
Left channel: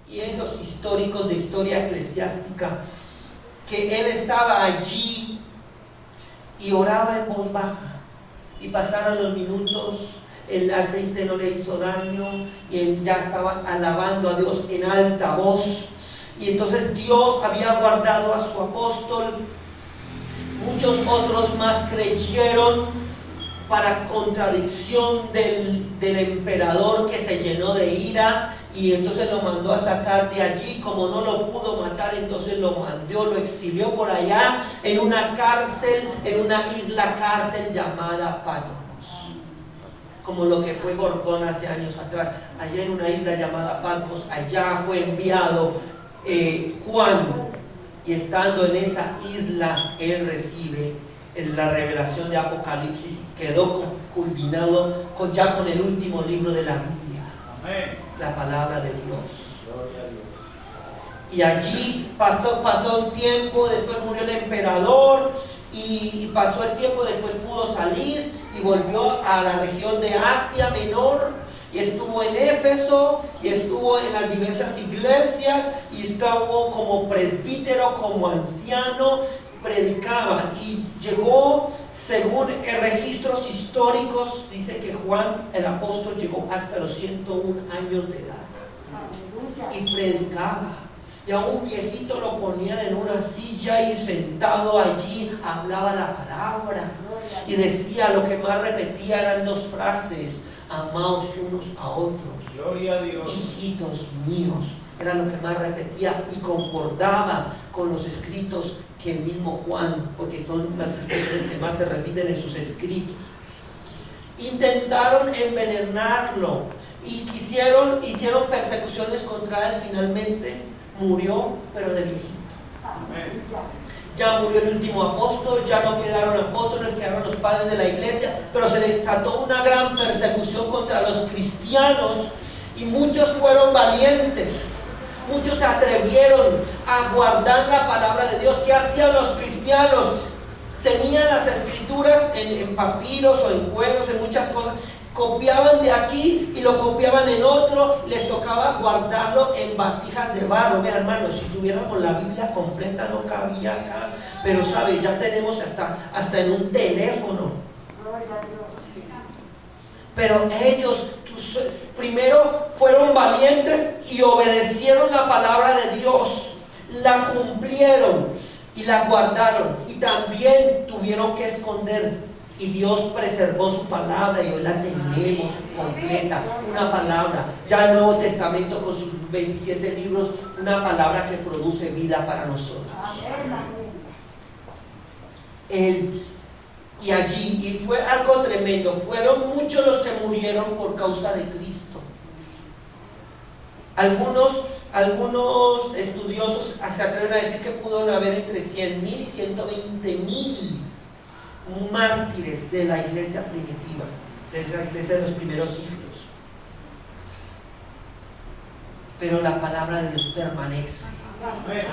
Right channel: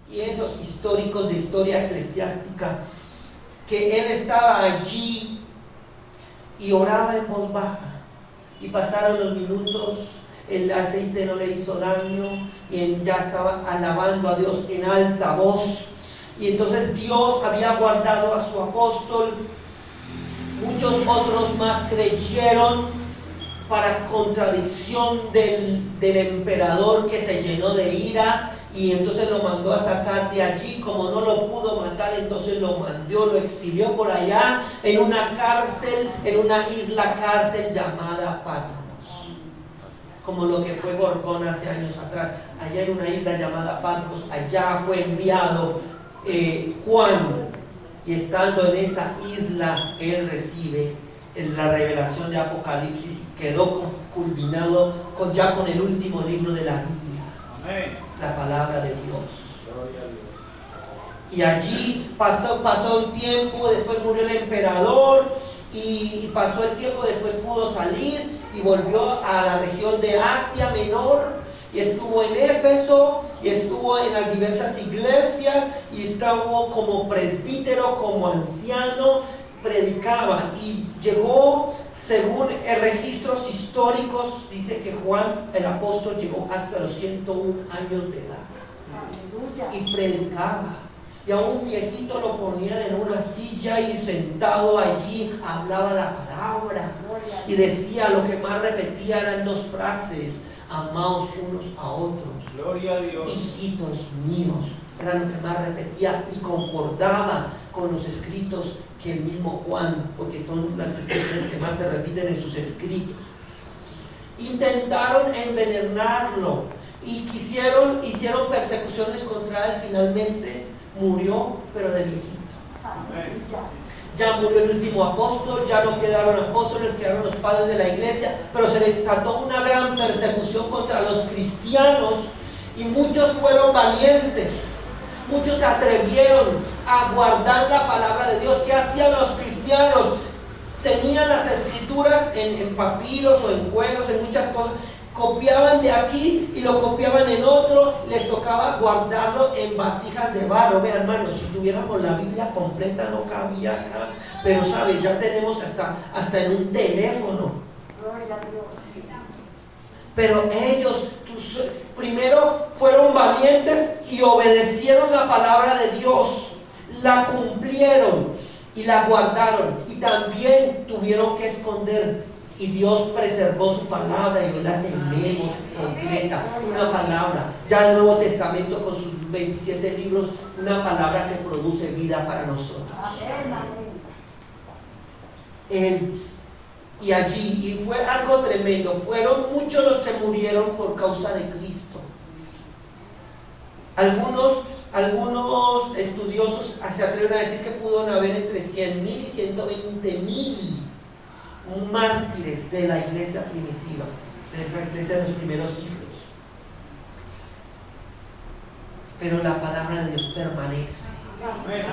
Y estos históricos de historia eclesiástica, que él estaba allí y oraba en voz baja, y pasaron los minutos, el aceite no le hizo daño y él ya estaba alabando a Dios en alta voz. Y entonces Dios había guardado a su apóstol. Muchos otros más creyeron, para contradicción del emperador, que se llenó de ira, y entonces lo mandó a sacar de allí. Como no lo pudo matar, entonces lo exilió por allá en una cárcel, en una isla cárcel llamada Patmos, como lo que fue Gorgón hace años atrás. Allá en una isla llamada Patmos, allá fue enviado Juan, y estando en esa isla él recibe la revelación de Apocalipsis y quedó culminado ya con el último libro de la Biblia. Amén. La palabra de Dios. Gloria a Dios. Y allí pasó un tiempo, después murió el emperador y pasó el tiempo, después pudo salir y volvió a la región de Asia Menor. Y estuvo en Éfeso, y estuvo en las diversas iglesias, y estuvo como presbítero, como anciano, predicaba. Y llegó, según registros históricos, dice que Juan el apóstol llegó hasta los 101 años de edad. Y predicaba. Y a un viejito lo ponían en una silla y sentado allí hablaba la palabra. Y decía, lo que más repetía eran dos frases: amaos unos a otros. Gloria a Dios. Hijitos míos. Era lo que más repetía y concordaba con los escritos que el mismo Juan, porque son las expresiones que más se repiten en sus escritos. Intentaron envenenarlo y hicieron persecuciones contra él. Finalmente murió, pero de viejito. Amén. Ya murió el último apóstol, ya no quedaron apóstoles, quedaron los padres de la iglesia, pero se desató una gran persecución contra los cristianos y muchos fueron valientes, muchos se atrevieron a guardar la palabra de Dios. ¿Qué hacían los cristianos? Tenían las escrituras en papiros o en cuernos, en muchas cosas. Copiaban de aquí y lo copiaban en otro, les tocaba guardarlo en vasijas de barro. Vean, hermanos, si tuviéramos la Biblia completa no cabía acá, pero sabe, ya tenemos hasta en un teléfono. Pero ellos primero fueron valientes y obedecieron la palabra de Dios, la cumplieron y la guardaron, y también tuvieron que esconder Y Dios preservó su palabra y hoy la tenemos completa. Una palabra. Ya el Nuevo Testamento con sus 27 libros, una palabra que produce vida para nosotros. Y allí, y fue algo tremendo, fueron muchos los que murieron por causa de Cristo. Algunos estudiosos se atreven a decir que pudieron haber entre 100,000 y 120,000 mártires de la iglesia primitiva, de la iglesia de los primeros siglos. Pero la palabra de Dios permanece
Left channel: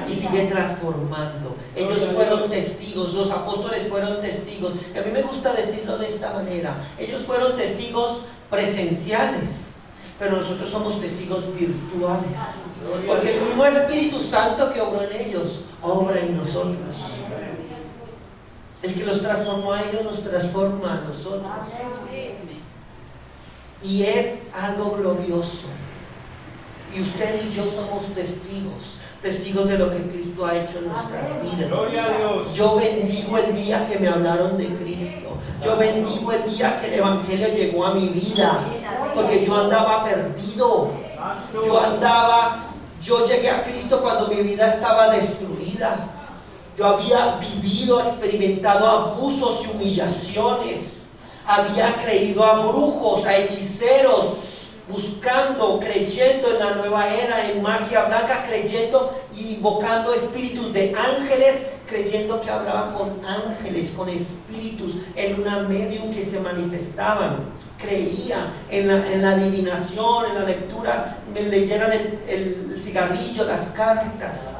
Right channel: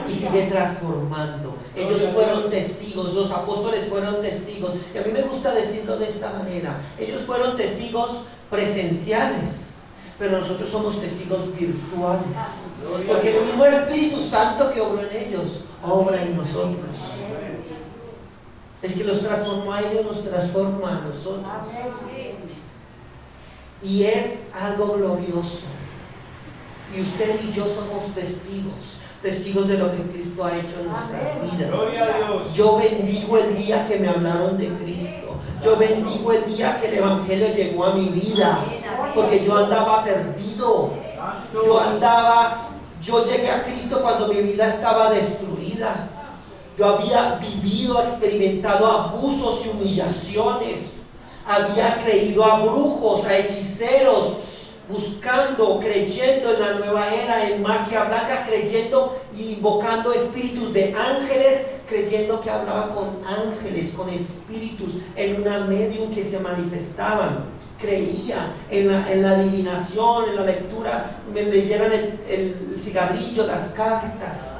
y sigue transformando. Ellos fueron testigos, los apóstoles fueron testigos. Y a mí me gusta decirlo de esta manera: ellos fueron testigos presenciales, pero nosotros somos testigos virtuales, porque el mismo Espíritu Santo que obró en ellos obra en nosotros. El que los transformó a ellos nos transforma a nosotros. Y es algo glorioso. Y usted y yo somos testigos de lo que Cristo ha hecho en nuestras vidas. Gloria a Dios. Yo bendigo el día que me hablaron de Cristo. Yo bendigo el día que el Evangelio llegó a mi vida, porque yo andaba perdido. Yo llegué a Cristo cuando mi vida estaba destruida. Yo había vivido, experimentado abusos y humillaciones. Había creído a brujos, a hechiceros, buscando, creyendo en la nueva era, en magia blanca, creyendo y invocando espíritus de ángeles, creyendo que hablaban con ángeles, con espíritus, en una medium que se manifestaban. Creía en la adivinación, en la lectura, me leyeran el cigarrillo, las cartas.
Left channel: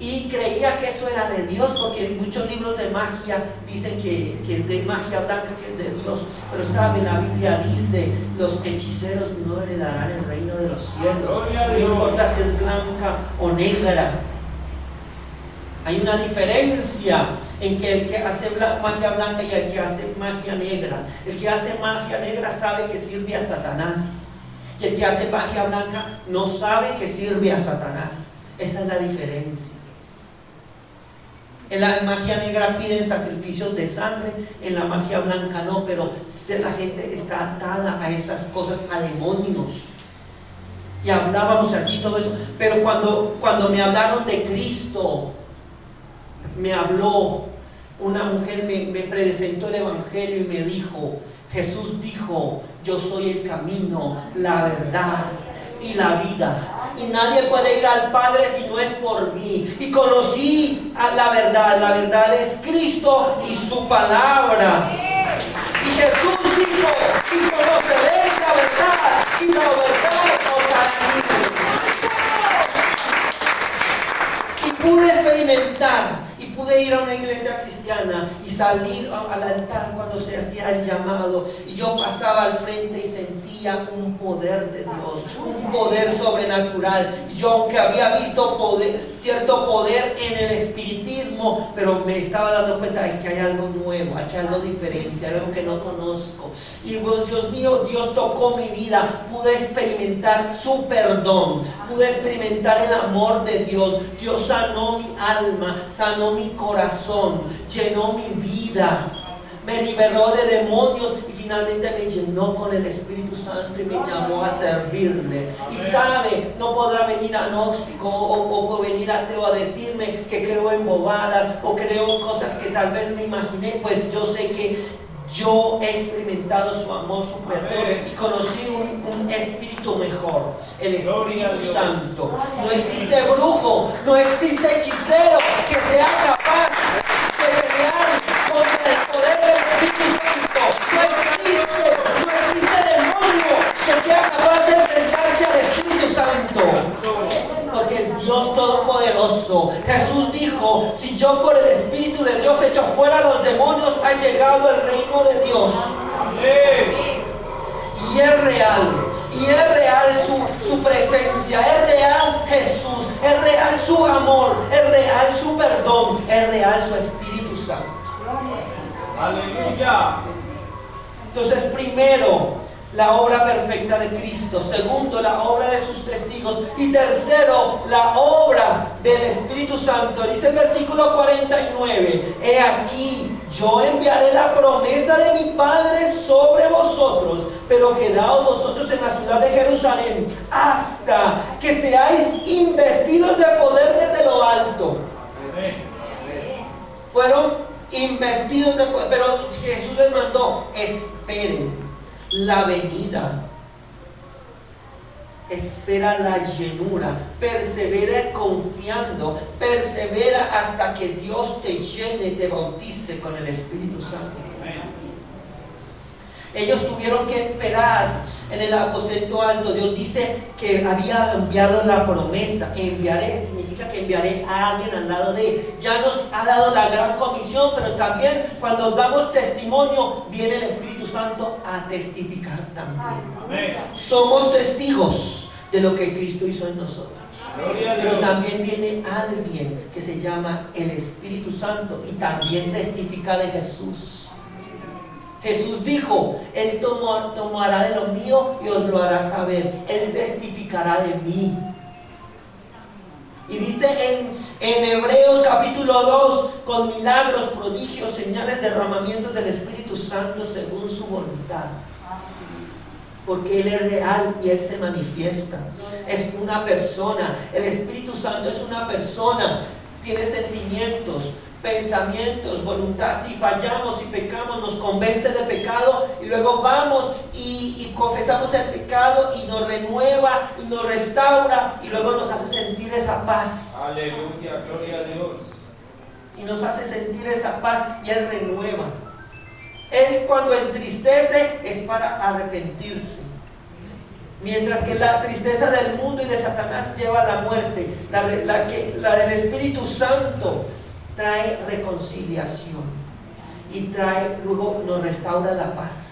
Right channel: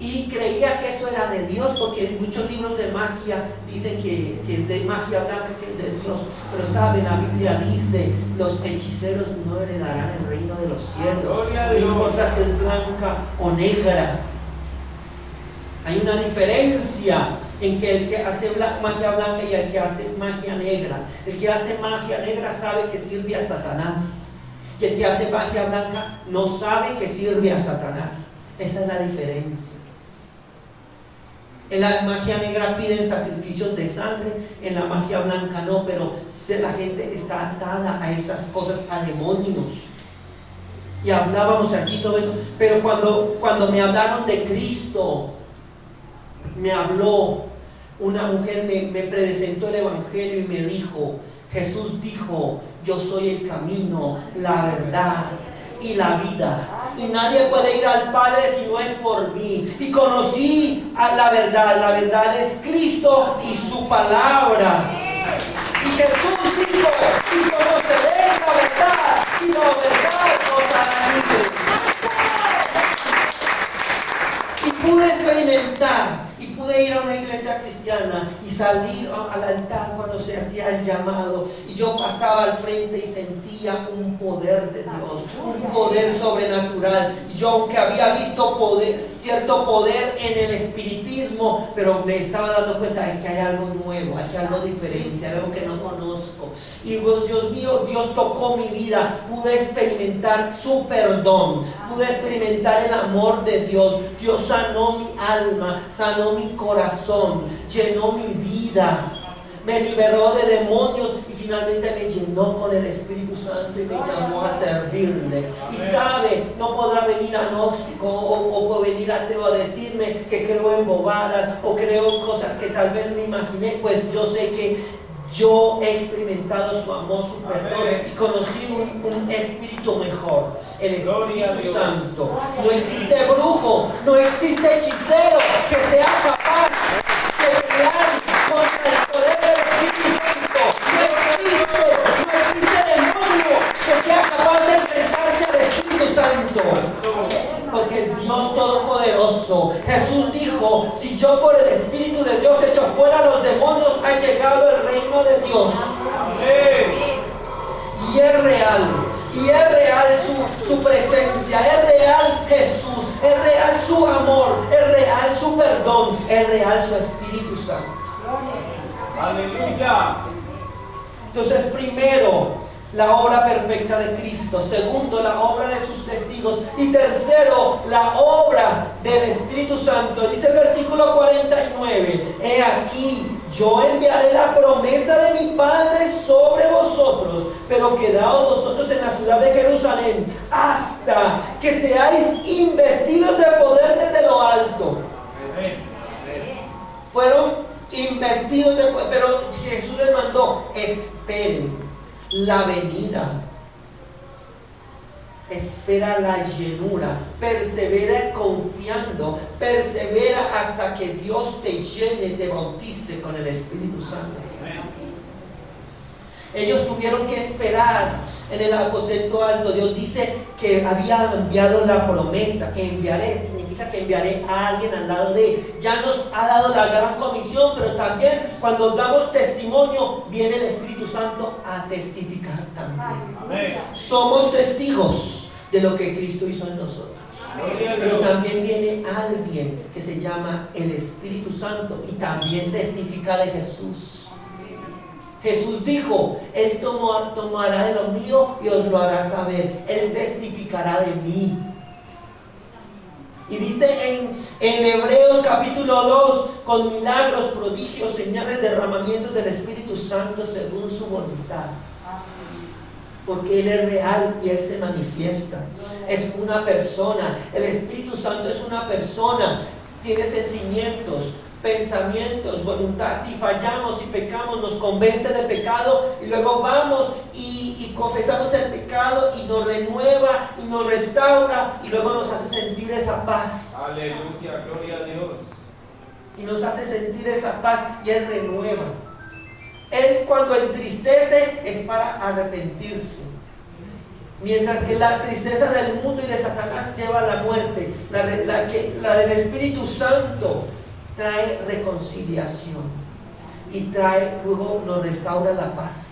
Y creía que eso era de Dios, porque muchos libros de magia dicen que es de magia blanca, que es de Dios. Pero sabe, la Biblia dice: los hechiceros no heredarán el reino de los cielos. No importa si es blanca o negra. Hay una diferencia en que el que hace magia blanca y el que hace magia negra. El que hace magia negra sabe que sirve a Satanás, y el que hace magia blanca no sabe que sirve a Satanás. Esa es la diferencia. En la magia negra piden sacrificios de sangre, en la magia blanca no, pero la gente está atada a esas cosas, a demonios. Y hablábamos aquí todo eso, pero cuando me hablaron de Cristo, me habló una mujer, me presentó el Evangelio y me dijo: Jesús dijo: yo soy el camino, la verdad y la vida, y nadie puede ir al Padre si no es por mí. Y conocí a la verdad es Cristo y su palabra. Y Jesús dijo: y conoceréis la verdad, y la verdad os hará libres. Y pude experimentar, y pude ir a una iglesia cristiana y salir al altar cuando se hacía el llamado, y yo pasaba al frente y sentía un poder de Dios, un poder sobrenatural. Yo, aunque había visto cierto poder en el espiritismo, pero me estaba dando cuenta de que hay algo nuevo, hay algo diferente, algo que no conozco. Y pues, Dios mío, Dios tocó mi vida, pude experimentar su perdón, pude experimentar el amor de Dios. Dios sanó mi alma, sanó mi corazón, llenó mi vida, me liberó de demonios y finalmente me llenó con el Espíritu Santo y me llamó a servirle. Y sabe, no podrá venir agnóstico o venir ateo a decirme que creo en bobadas o creo en cosas que tal vez me imaginé, pues yo sé que yo he experimentado su amor, su perdón, y conocí un espíritu mejor, el Espíritu Santo. No existe brujo, no existe hechicero que sea capaz de pelear contra el poder del Espíritu Santo. No existe demonio que sea capaz de enfrentarse al Espíritu Santo, porque es Dios Todopoderoso. Jesús dijo: si yo por el Espíritu de Dios echo fuera a los demonios, ha llegado el reino de Dios. Y es real su presencia, es real Jesús, es real su amor, es real su perdón, es real su Espíritu Santo. Aleluya. Entonces, primero, la obra perfecta de Cristo. Segundo, la obra de sus testigos. Y tercero, la obra del Espíritu Santo. Dice el versículo 49: he aquí, yo enviaré la promesa de mi Padre sobre vosotros, pero quedaos vosotros en la ciudad de Jerusalén hasta que seáis investidos de poder desde lo alto. Amén. Fueron investidos de poder, pero Jesús les mandó, esperen la venida. Espera la llenura, persevera confiando, persevera hasta que Dios te llene y te bautice con el Espíritu Santo. Amén. Ellos tuvieron que esperar en el aposento alto. Dios dice que había enviado la promesa. Enviaré significa que enviaré a alguien al lado de él. Ya nos ha dado la gran comisión, pero también cuando damos testimonio, viene el Espíritu Santo a testificar también. Amén. Somos testigos de lo que Cristo hizo en nosotros. Gloria a Pero Dios. también viene alguien que se llama el Espíritu Santo y también testifica de Jesús. Jesús dijo, Él tomará de lo mío y os lo hará saber. Él testificará de mí. Y dice en Hebreos capítulo 2, con milagros, prodigios, señales, derramamientos del Espíritu Santo según su voluntad. Porque Él es real y Él se manifiesta. Es una persona. El Espíritu Santo es una persona. Tiene sentimientos, pensamientos, voluntad. Si fallamos, si pecamos, nos convence de pecado y luego vamos y confesamos el pecado y nos renueva y nos restaura y luego nos hace sentir esa paz. Aleluya, gloria a Dios. Y nos hace sentir esa paz y Él renueva. Él cuando entristece es para arrepentirse. Mientras que la tristeza del mundo y de Satanás lleva a la muerte, la del Espíritu Santo trae reconciliación y luego nos restaura la paz.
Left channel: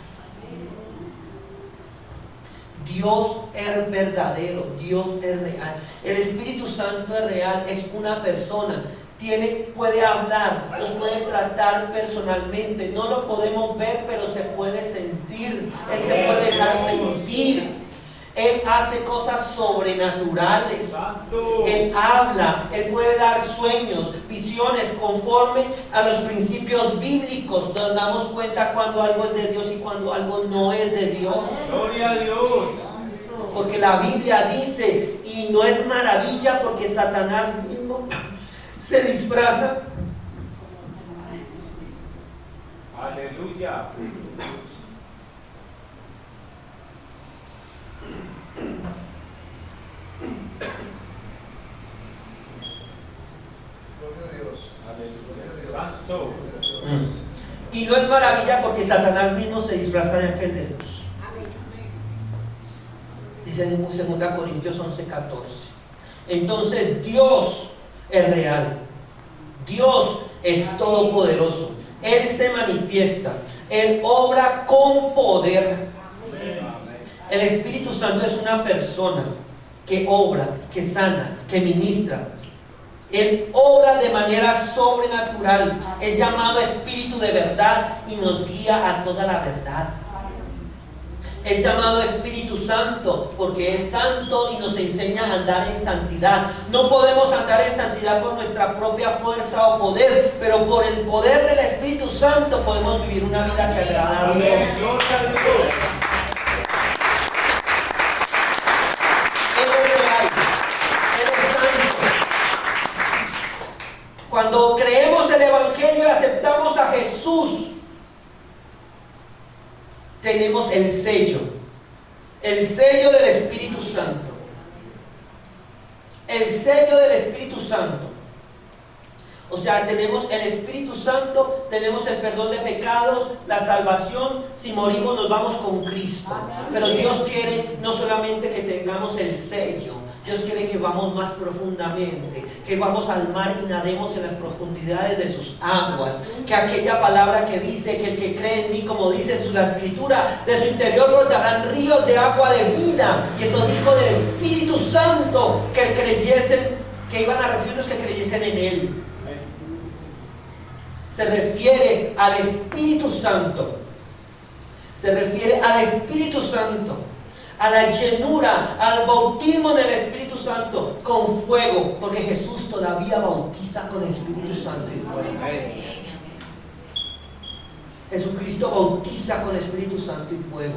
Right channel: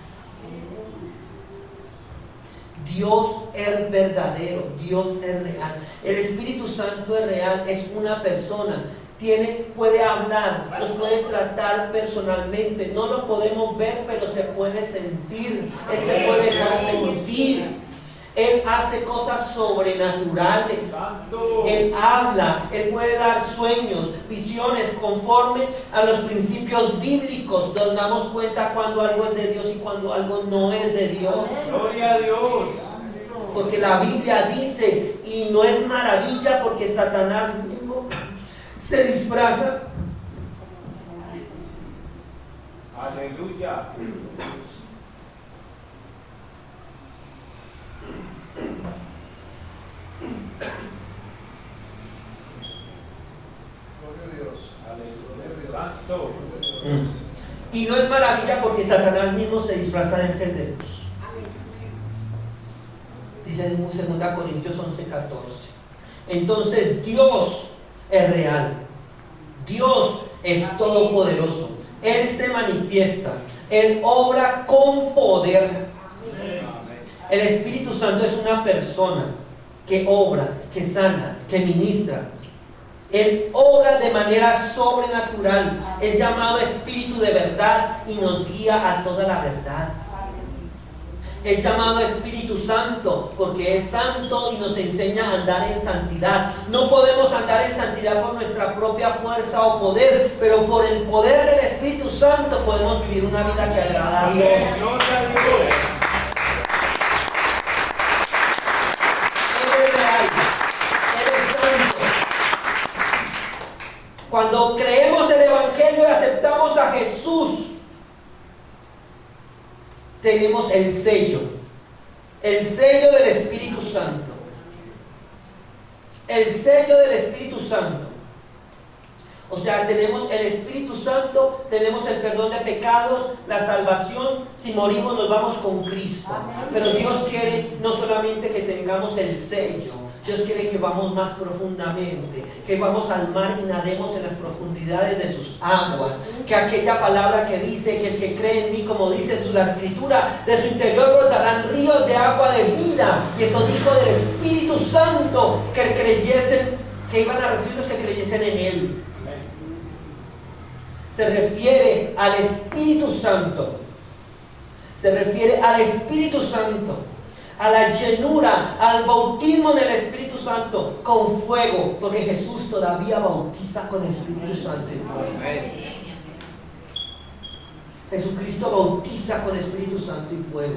Dios es verdadero, Dios es real. El Espíritu Santo es real, es una persona. Puede hablar, nos puede tratar personalmente. No lo podemos ver, pero se puede sentir. Él se puede dejar sentir. Él hace cosas sobrenaturales. Él habla, Él puede dar sueños, visiones conforme a los principios bíblicos. Nos damos cuenta cuando algo es de Dios y cuando algo no es de Dios. Gloria a Dios. Porque la Biblia dice, y no es maravilla porque Satanás mismo se disfraza. Aleluya. Gloria a Dios. Aleluya. Santo. Y no es maravilla porque Satanás mismo se disfraza de ángel de luz. Dice en 2 Corintios 11:14. Entonces Dios es real. Dios es todopoderoso. Él se manifiesta. Él obra con poder. El Espíritu Santo es una persona que obra, que sana, que ministra. Él obra de manera sobrenatural. Es llamado Espíritu de verdad y nos guía a toda la verdad. Es llamado Espíritu Santo porque es santo y nos enseña a andar en santidad. No podemos andar en santidad por nuestra propia fuerza o poder, pero por el poder del Espíritu Santo podemos vivir una vida que agrada a Dios. Amén. Gloria a Dios. Él es real, Él es santo. Cuando creemos el Evangelio y aceptamos a Jesús, tenemos el sello del Espíritu Santo. El sello del Espíritu Santo. O sea, tenemos el Espíritu Santo, tenemos el perdón de pecados, la salvación. Si morimos nos vamos con Cristo. Pero Dios quiere no solamente que tengamos el sello, Dios quiere que vamos más profundamente, que vamos al mar y nademos en las profundidades de sus aguas, que aquella palabra que dice que el que cree en mí, como dice la Escritura, de su interior brotarán ríos de agua de vida. Y eso dijo del Espíritu Santo, que iban a recibir los que creyesen en Él. Se refiere al Espíritu Santo. Se refiere al Espíritu Santo, a la llenura, al bautismo en el Espíritu Santo con fuego, porque Jesús todavía bautiza con Espíritu Santo y fuego. Jesucristo bautiza con Espíritu Santo y fuego.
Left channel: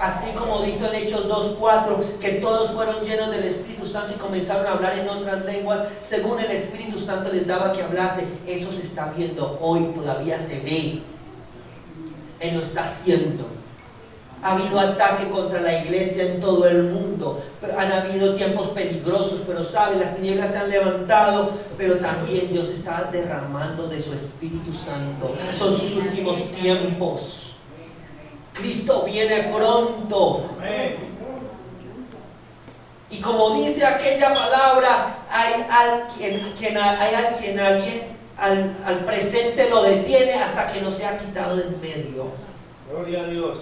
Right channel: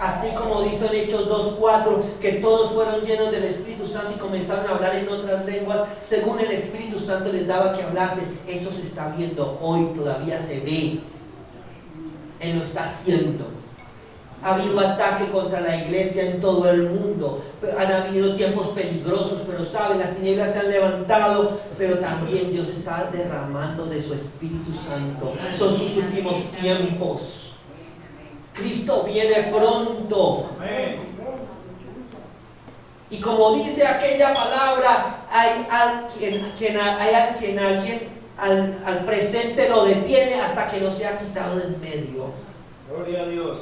Así como dice en Hechos 2:4, que todos fueron llenos del Espíritu Santo y comenzaron a hablar en otras lenguas, según el Espíritu Santo les daba que hablase. Eso se está viendo hoy, todavía se ve. Él lo está haciendo. Ha habido ataque contra la iglesia en todo el mundo. Han habido tiempos peligrosos, pero saben, las tinieblas se han levantado, pero también Dios está derramando de su Espíritu Santo. Son sus últimos tiempos. Cristo viene pronto. Amén. Y como dice aquella palabra, hay alguien al presente lo detiene hasta que no sea quitado del medio. Gloria a Dios.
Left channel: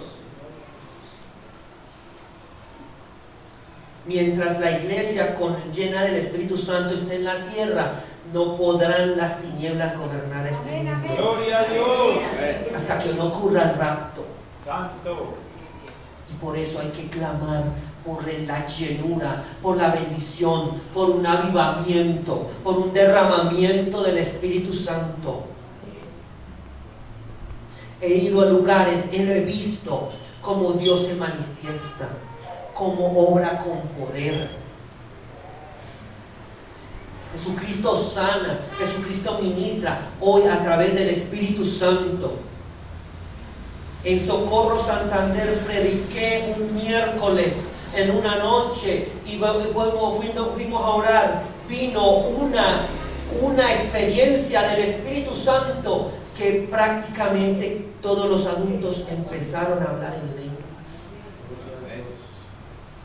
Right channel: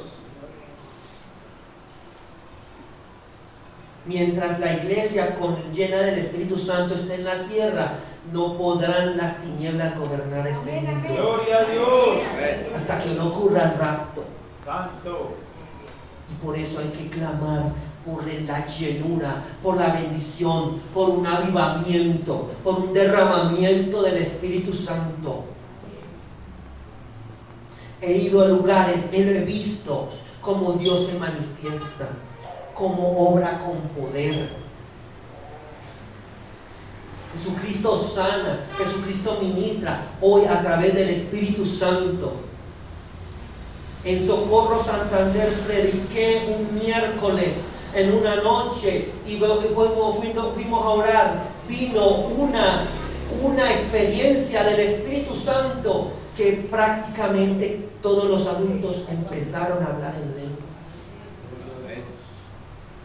Mientras la iglesia llena del Espíritu Santo esté en la tierra, no podrán las tinieblas gobernar este mundo. Gloria a Dios. Hasta que no ocurra el rapto. Santo. Y por eso hay que clamar por la llenura, por la bendición, por un avivamiento, por un derramamiento del Espíritu Santo. He ido a lugares, he visto cómo Dios se manifiesta, cómo obra con poder. Jesucristo sana, Jesucristo ministra hoy a través del Espíritu Santo. En Socorro, Santander, prediqué un miércoles en una noche y fuimos a orar. Vino una experiencia del Espíritu Santo que prácticamente todos los adultos empezaron a hablar en lengua.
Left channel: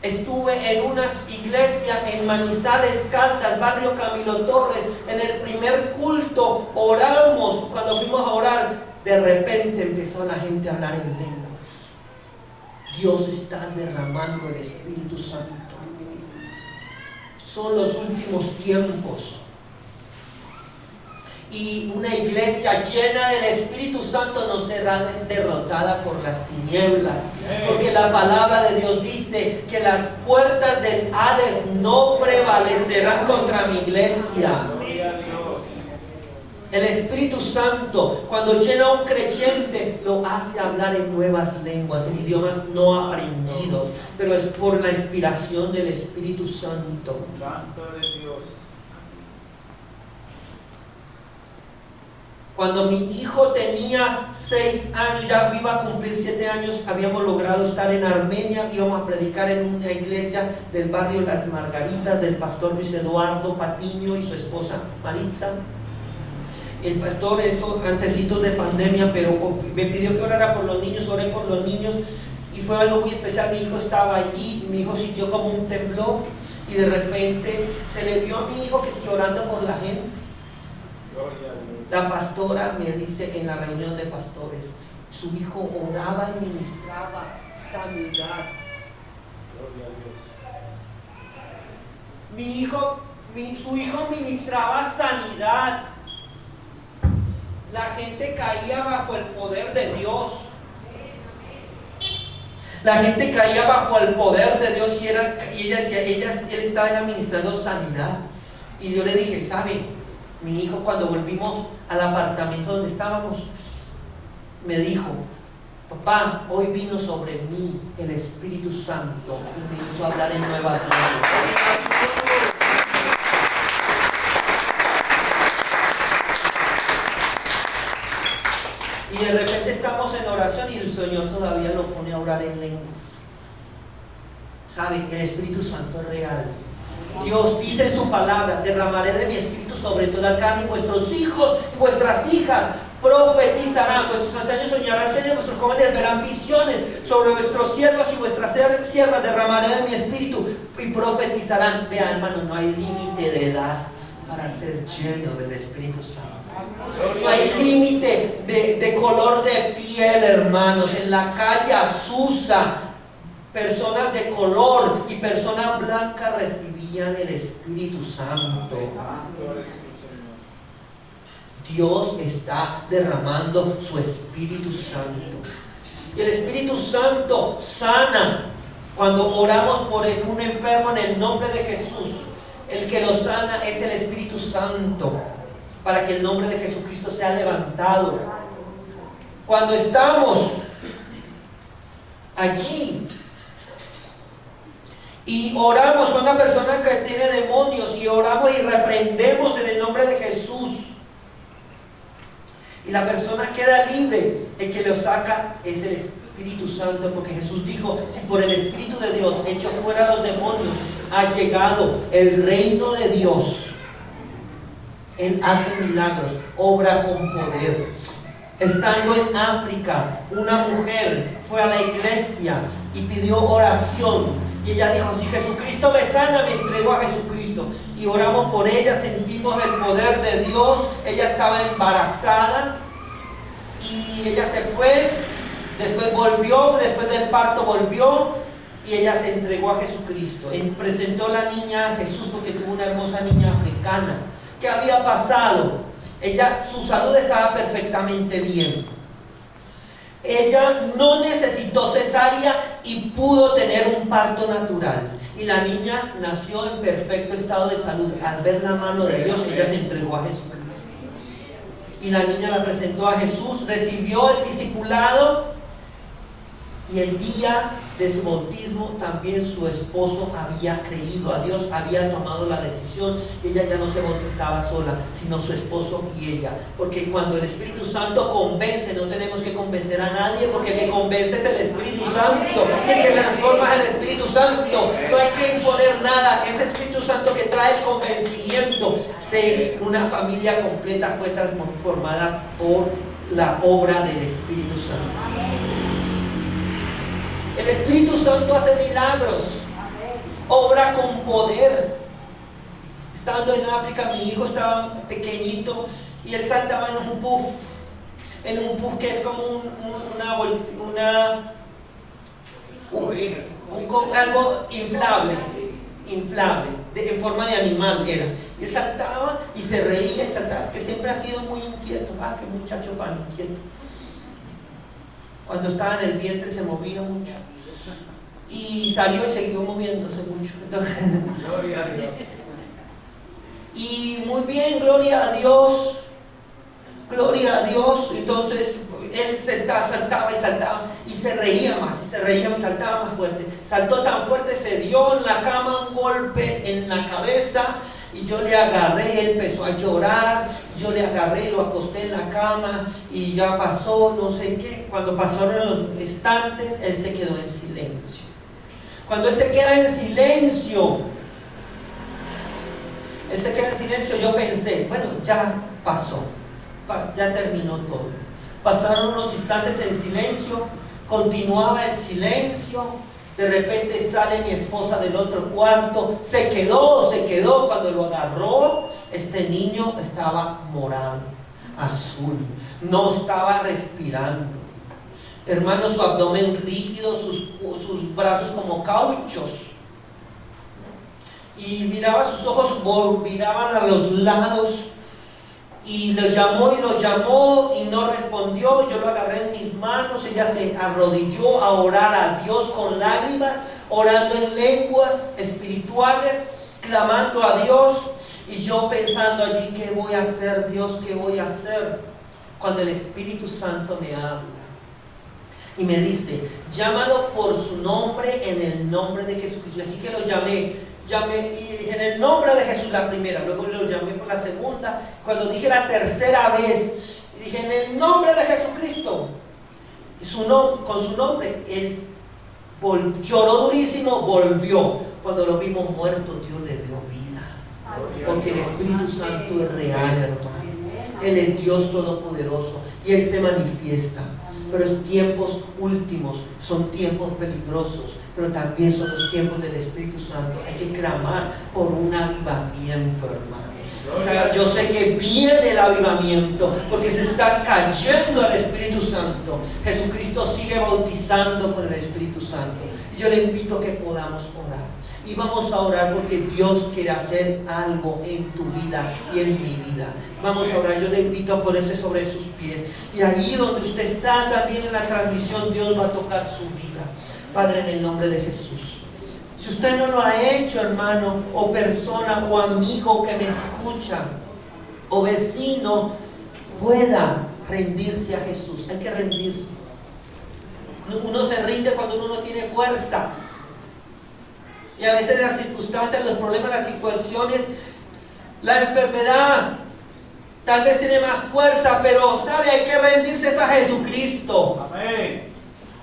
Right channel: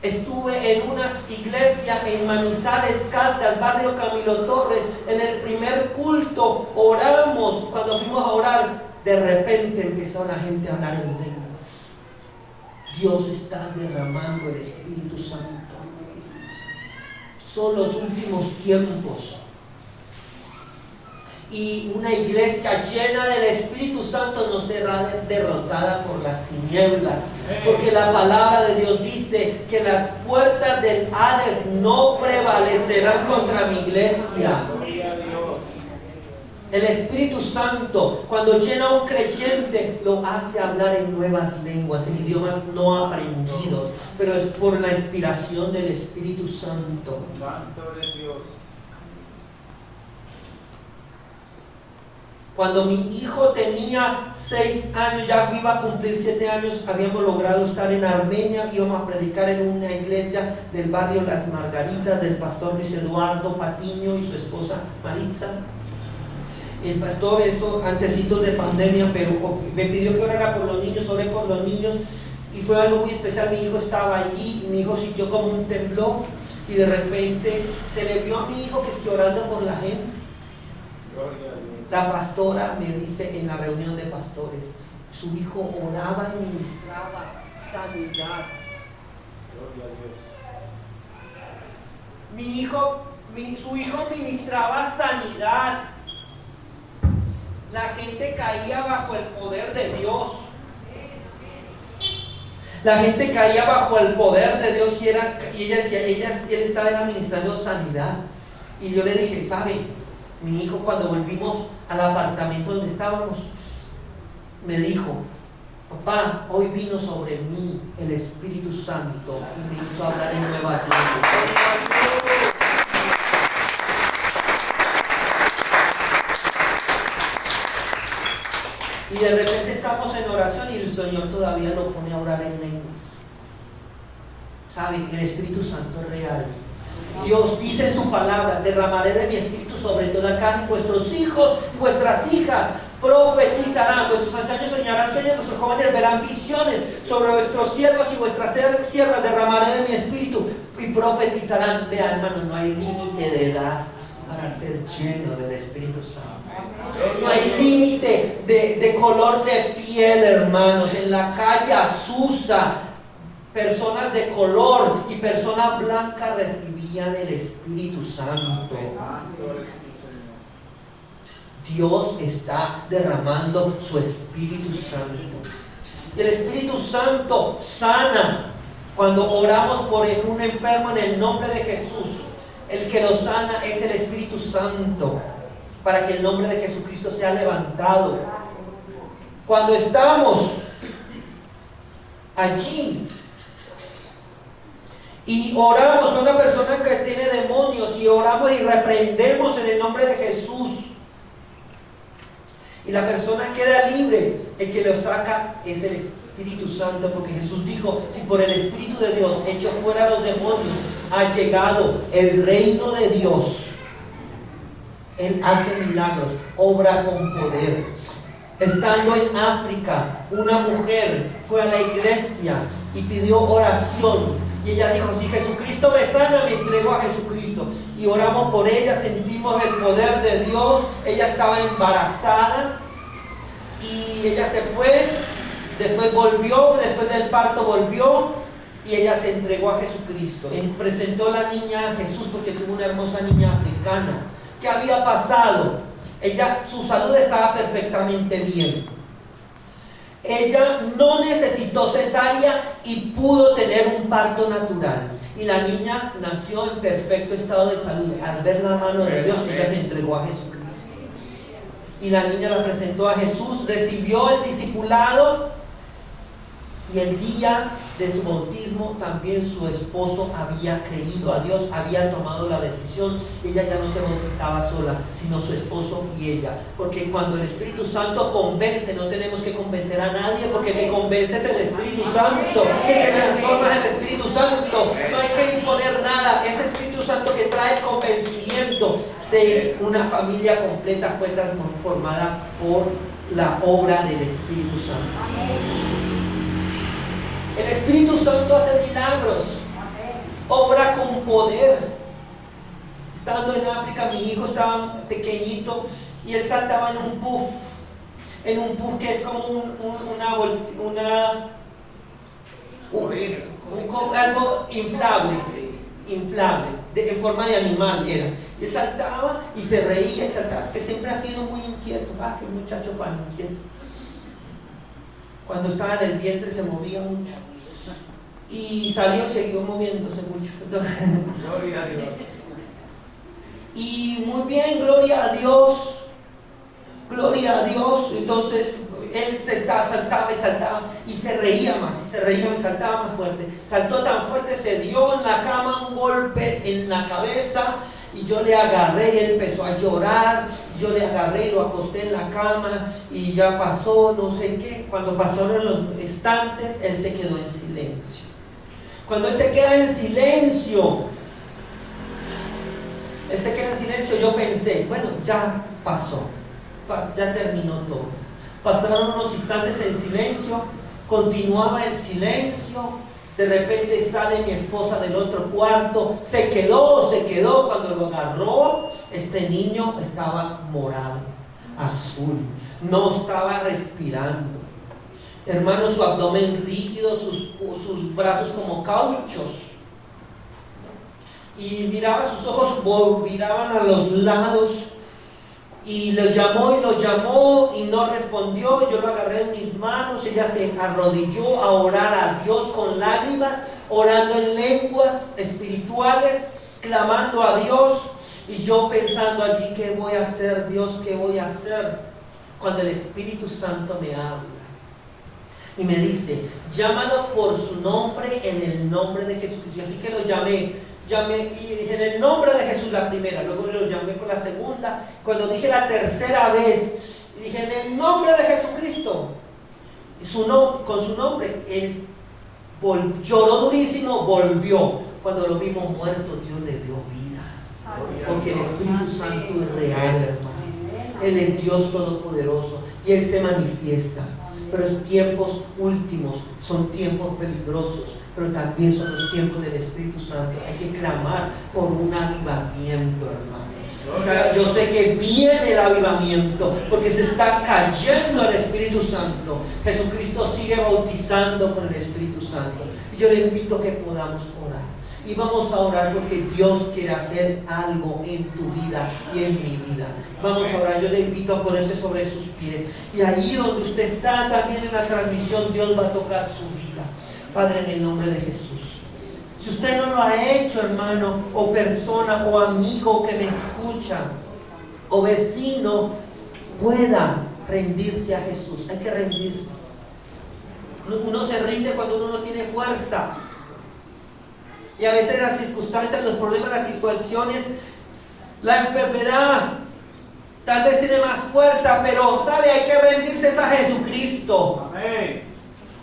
Estuve en unas iglesias en Manizales, Caldas, barrio Camilo Torres. En el primer culto oramos. Cuando fuimos a orar, de repente empezó la gente a hablar en lenguas. Dios está derramando el Espíritu Santo. Son los últimos tiempos. Y una iglesia llena del Espíritu Santo no será derrotada por las tinieblas, porque la palabra de Dios dice que las puertas del Hades no prevalecerán contra mi iglesia. El Espíritu Santo, cuando llena a un creyente, lo hace hablar en nuevas lenguas, en idiomas no aprendidos, pero es por la inspiración del Espíritu Santo. Santo de Dios. Cuando mi hijo tenía 6 años, ya iba a cumplir 7 años, habíamos logrado estar en Armenia, íbamos a predicar en una iglesia del barrio Las Margaritas, del pastor Luis Eduardo Patiño y su esposa Maritza. El pastor, eso antecitos de pandemia, pero me pidió que orara por los niños, oré por los niños, y fue algo muy especial. Mi hijo estaba allí, mi hijo sintió como un temblor, y de repente se le vio a mi hijo que estoy orando por la gente. Gloria a Dios. La pastora me dice en la reunión de pastores, su hijo oraba y ministraba sanidad. Gloria a Dios. Su hijo ministraba sanidad. La gente caía bajo el poder de Dios. La gente caía bajo el poder de Dios y ella decía, él estaba administrando sanidad. Y yo le dije, ¿sabe? Mi hijo, cuando volvimos al apartamento donde estábamos, me dijo, papá, hoy vino sobre mí el Espíritu Santo y me hizo hablar en nuevas lenguas. Y de repente estamos en oración y el Señor todavía lo pone a orar en lenguas. ¿Saben? El Espíritu Santo es real. Dios dice en su palabra, derramaré de mi Espíritu sobre toda carne, y vuestros hijos y vuestras hijas profetizarán, vuestros ancianos soñarán sueños, vuestros jóvenes verán visiones, sobre vuestros siervos y vuestras siervas derramaré de mi Espíritu y profetizarán. Vean, hermanos, no hay límite de edad para ser lleno del Espíritu Santo. No hay límite de color de piel, hermanos. En la calle Azusa, personas de color y personas blancas recibían el Espíritu Santo. Dios está derramando su Espíritu Santo. Y el Espíritu Santo sana. Cuando oramos por un enfermo en el nombre de Jesús, el que lo sana es el Espíritu Santo, para que el nombre de Jesucristo sea levantado. Cuando estamos allí y oramos a una persona que tiene demonios y oramos y reprendemos en el nombre de Jesús y la persona queda libre, el que lo saca es el Espíritu Santo, porque Jesús dijo: si por el Espíritu de Dios echo fuera los demonios, ha llegado el reino de Dios. Él hace milagros, obra con poder. Estando en África, una mujer fue a la iglesia y pidió oración. Y ella dijo: si Jesucristo me sana, me entrego a Jesucristo. Y oramos por ella, sentimos el poder de Dios. Ella estaba embarazada y ella se fue. Después volvió, después del parto volvió y ella se entregó a Jesucristo. Presentó la niña a Jesús porque tuvo una hermosa niña africana. ¿Qué había pasado? Su salud estaba perfectamente bien. Ella no necesitó cesárea y pudo tener un parto natural. Y la niña nació en perfecto estado de salud. Al ver la mano de Dios, ella se entregó a Jesucristo. Y la niña la presentó a Jesús, recibió el discipulado. Y el día de su bautismo también su esposo había creído a Dios, había tomado la decisión. Ella ya no se bautizaba sola, sino su esposo y ella. Porque cuando el Espíritu Santo convence, no tenemos que convencer a nadie, porque el que convence es el Espíritu Santo, el que transforma es el Espíritu Santo. No hay que imponer nada, es el Espíritu Santo que trae el convencimiento. Una familia completa fue transformada por la obra del Espíritu Santo. El Espíritu Santo hace milagros, obra con poder. Estando en África, mi hijo estaba pequeñito y él saltaba en un puff que es como algo inflable, en forma de animal era. Y él saltaba y se reía y saltaba, que siempre ha sido muy inquieto. Qué muchacho tan inquieto. Cuando estaba en el vientre se movía mucho. Y salió y siguió moviéndose mucho. Gloria a Dios. Y muy bien, gloria a Dios. Gloria a Dios. Entonces él saltaba y saltaba y se reía más, y se reía y saltaba más fuerte. Saltó tan fuerte, se dio en la cama un golpe en la cabeza. Y yo le agarré y él empezó a llorar. Yo le agarré y lo acosté en la cama. Y ya pasó, no sé qué. Cuando pasaron los instantes, él se quedó en silencio. Cuando él se queda en silencio, yo pensé: bueno, ya pasó, ya terminó todo. Pasaron unos instantes en silencio, continuaba el silencio. De repente sale mi esposa del otro cuarto, se quedó. Cuando lo agarró, este niño estaba morado, azul, no estaba respirando. Hermano, su abdomen rígido, sus brazos como cauchos. Y miraba, sus ojos miraban a los lados. Y lo llamó y no respondió. Yo lo agarré en mis manos. Ella se arrodilló a orar a Dios con lágrimas, orando en lenguas espirituales, clamando a Dios. Y yo pensando allí: ¿qué voy a hacer, Dios? ¿Qué voy a hacer? Cuando el Espíritu Santo me habla y me dice: llámalo por su nombre, en el nombre de Jesucristo. Así que lo llamé y en el nombre de Jesús la primera, luego lo llamé por la segunda. Cuando dije la tercera vez, dije: en el nombre de Jesucristo, con su nombre. Él lloró durísimo, volvió. Cuando lo vimos muerto, Dios le dio vida, porque el Espíritu Santo es real, hermano. Él es Dios todopoderoso y Él se manifiesta. Pero es tiempos últimos, son tiempos peligrosos, pero también son los tiempos del Espíritu Santo. Hay que clamar por un avivamiento, hermano. O sea, yo sé que viene el avivamiento porque se está cayendo el Espíritu Santo. Jesucristo sigue bautizando con el Espíritu Santo. Y yo le invito a que podamos orar. Y vamos a orar porque Dios quiere hacer algo en tu vida y en mi vida. Vamos a orar. Yo le invito a ponerse sobre sus pies. Y ahí donde usted está, también en la transmisión, Dios va a tocar su vida. Padre, en el nombre de Jesús. Si usted no lo ha hecho, hermano, o persona, o amigo que me escucha, o vecino, pueda rendirse a Jesús. Hay que rendirse. Uno se rinde cuando uno no tiene fuerza. Y a veces las circunstancias, los problemas, las situaciones, la enfermedad, tal vez tiene más fuerza, pero sabe, hay que rendirse a Jesucristo. Amén.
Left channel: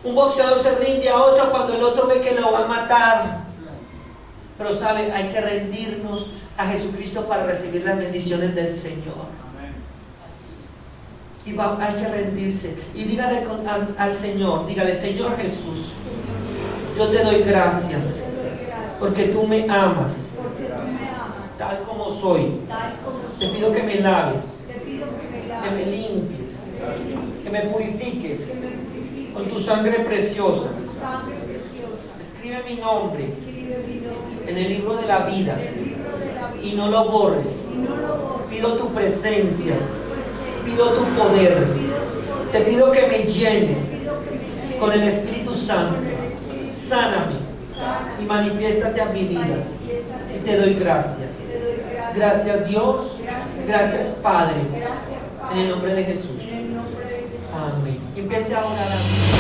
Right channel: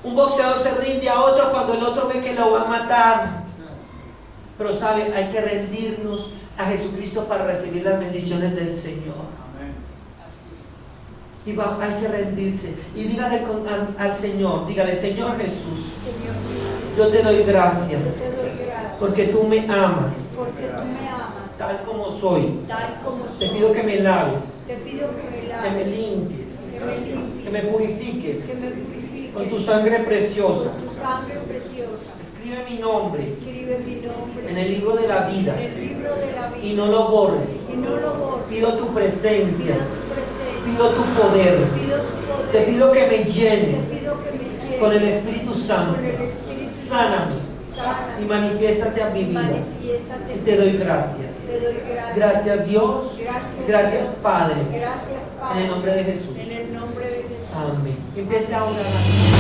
Un boxeador se rinde a otro cuando el otro ve que lo va a matar. Pero sabe, hay que rendirnos a Jesucristo para recibir las bendiciones del Señor. Y hay que rendirse. Y dígale al Señor, dígale: Señor Jesús, yo te doy gracias porque tú me amas tal como soy. Te pido que me laves, que me limpies, que me purifiques con tu sangre preciosa. Escribe mi nombre en el libro de la vida y no lo borres. Pido tu presencia, pido tu poder. Te pido que me llenes con el Espíritu Santo. Sáname y manifiéstate a mi vida. Y te doy gracias. Gracias, Dios. Gracias, Padre. En el nombre de Jesús. Amén. Empiece a orar.